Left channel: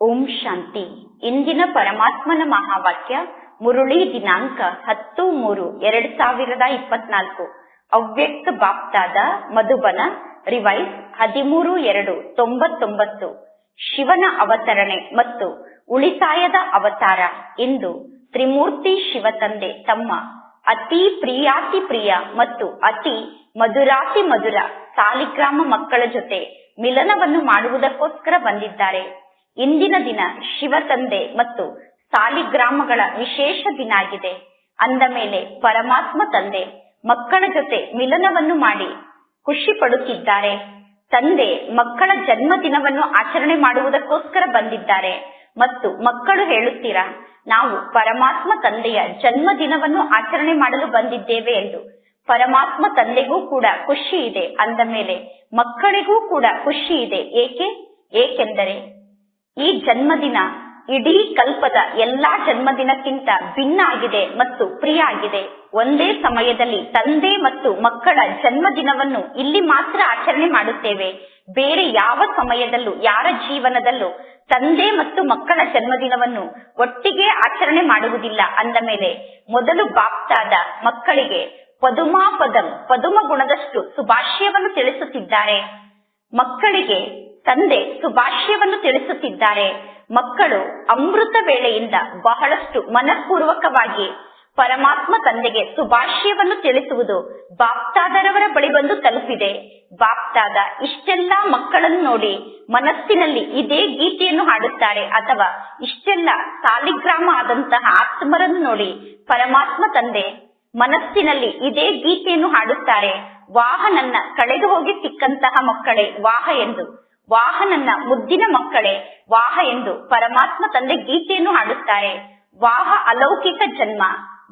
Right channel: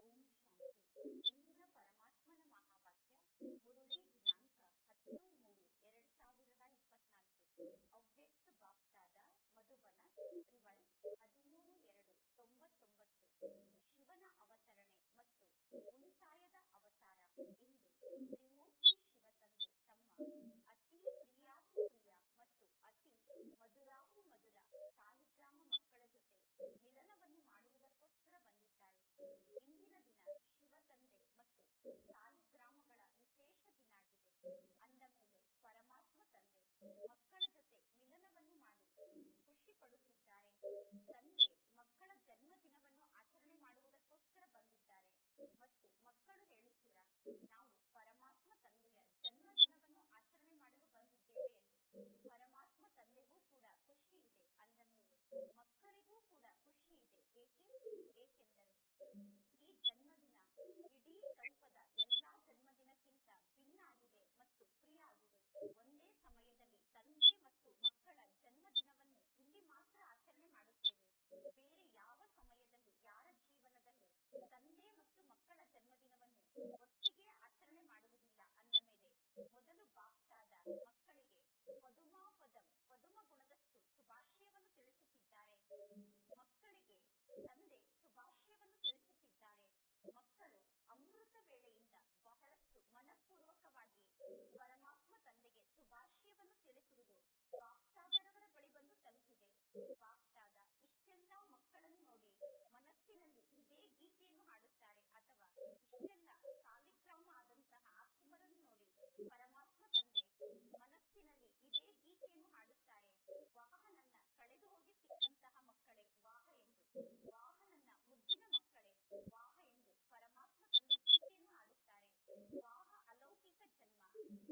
ಓಂ ಶಾಂತಿ. ಇಂದಿನ ಪರಮಾತ್ಮನ ಮಹಾವಾಕ್ಯ ಮುರುಳಿ ದಿನಾಂಕ 10/3/2024. ಅವ್ಯಕ್ತ ಬಾಪ್ತಾದ ಮಧುಬನ ರಿವೈಸ್ 13/2/99. ಶಿವನ ಅವತರಣೆ ಮತ್ತು ಉಳಿತಾಯದ ಅವತಾರ. ಇಂದು ತ್ರಿಮೂರ್ತಿ ಶಿವ ತಂದೆ ತಮ್ಮ ಅತಿ ಪ್ರಿಯಾತಿ ಪ್ರಿಯ ಮತ್ತು ಅತಿ ಮಧುರಾತಿ ಮಧುರ ಸಾಲಿಗ್ರಾಮ ಮಕ್ಕಳ ಜೊತೆ ಮಿಲನವನ್ನು ಮಾಡುವುದಕ್ಕೋಸ್ಕರ ಬಂದಿದ್ದಾರೆ. ಇಂದಿನ ದಿನ ಶಿವ ತಂದೆ ಮತ್ತು ಸಾಲಿಗ್ರಾಮಗಳ ವಿಶೇಷ ದಿನ ಆಗಿದೆ. ಅಂದ ಮೇಲೆ ಪರಮಾತ್ಮ ತಂದೆ ಮಕ್ಕಳ ಜೊತೆ ಮಿಲನವನ್ನು ಮಾಡಿ ಖುಷಿ ಪಡುತ್ತಿದ್ದಾರೆ. ತಂದೆ ಮಕ್ಕಳ ಜನ್ಮ ದಿನವನ್ನು ಆಚರಣೆ ಮಾಡುವುದಕ್ಕೋಸ್ಕರ ಬಂದಿದ್ದಾರೆ ಮತ್ತು ಮಕ್ಕಳು ಹೇಳುತ್ತೀರಾ, ನಾವು ಪರಮಾತ್ಮ ತಂದೆಯ ಜನ್ಮ ದಿನವನ್ನು ಆಚರಣೆ ಮಾಡಲು ಬಂದಿದ್ದೇವೆ ಎಂದು. ಪರಮಾತ್ಮ ತಂದೆಗೂ ಕೂಡ ಖುಷಿ ಇದೆ. ಅಂದ ಮೇಲೆ ಮಕ್ಕಳಿಗೂ ಕೂಡ ಖುಷಿ ಇದೆ. ಏಕೆಂದರೆ ಈ ಜನ್ಮದಿನ ಇಡೀ ಕಲ್ಪದ ಎಲ್ಲಾ ಜನ್ಮದಿನಕ್ಕಿಂತ ಭಿನ್ನ ಆಗಿದೆ ಮತ್ತು ಪ್ರಿಯ ಆಗಿದೆ. ಒಂದೇ ಸಮಯದಲ್ಲಿ ತಂದೆ ಮತ್ತು ಮಕ್ಕಳ ಜನ್ಮದಿನವನ್ನು ಇಲ್ಲಿ ಮಾತ್ರ ಆಚರಣೆ ಮಾಡುತ್ತೇವೆ. ಬೇರೆ ಯಾವ ಸಮಯದಲ್ಲೂ ಯಾರ ಜೀವನದಲ್ಲೂ ತಂದೆ ಮತ್ತು ಮಕ್ಕಳ ಜನ್ಮದಿನವನ್ನು ಒಟ್ಟಿಗೆ ಆಚರಣೆ ಮಾಡುವುದಿಲ್ಲ. ಅಂದ ಮೇಲೆ ಮೊದಲು ಬಾಪ್ತಾದ ಮಕ್ಕಳಿಗೆ ಪದುಮ ಗುಣದಷ್ಟು ಶುಭಾಶಯವನ್ನು ತಿಳಿಸುತ್ತಿದ್ದಾರೆ. ಮಕ್ಕಳಿಗೆ ತಂದೆ ಶುಭಾಶಯವನ್ನು ತಿಳಿಸುತ್ತಿದ್ದಾರೆ. ಮಕ್ಕಳು ಅಮೃತ ವೇಳೆಯಿಂದ ಬಹಳಷ್ಟು ಮನಪೂರ್ವಕವಾಗಿ ಪರಮಾತ್ಮ ತಂದೆಗೆ ಶುಭಾಶಯವನ್ನು ತಿಳಿಸುವುದು ಬಾಪ್ತಾದರವರ ಬಳಿ ಬಂದು ತಲುಪಿದೆ. ಬಾಪ್ತಾದ ಇಷ್ಟೆಲ್ಲ ಮಕ್ಕಳನ್ನು ನೋಡಿ ಮನಸ್ಸಿನಲ್ಲಿ ಇದೇ ಗೀತೆಯನ್ನು ಹಾಡುತ್ತಾರೆ, ಅಥವಾ ಇಷ್ಟೆಲ್ಲ ಸಾಲಿಗ್ರಾಮ ಆದಂತಹ ಆತ್ಮರನ್ನು ನೋಡಿ ಪರಮಾತ್ಮ ತಂದೆ ಮನಸ್ಸಿನಲ್ಲಿ ಇದೇ ಗೀತೆಯನ್ನು ಹಾಡುತ್ತಾರೆ. ವಾಹ ನನ್ನ ಕಳೆದು ಹೋಗಿ ಸಿಕ್ಕಂತಹ ಮಕ್ಕಳೇ ವಾಹ ಎಂದು, ವಾಹ ನನ್ನ ಮುದ್ದಿನ ಮಕ್ಕಳೇ ವಾಹ ಎಂದು ಪರಮಾತ್ಮ ತಂದೆ ಗೀತೆಯನ್ನು ಹಾಡುತ್ತಾರೆ. ವಾಹ ಅಲೌಕಿಕ ಜನ್ಮ,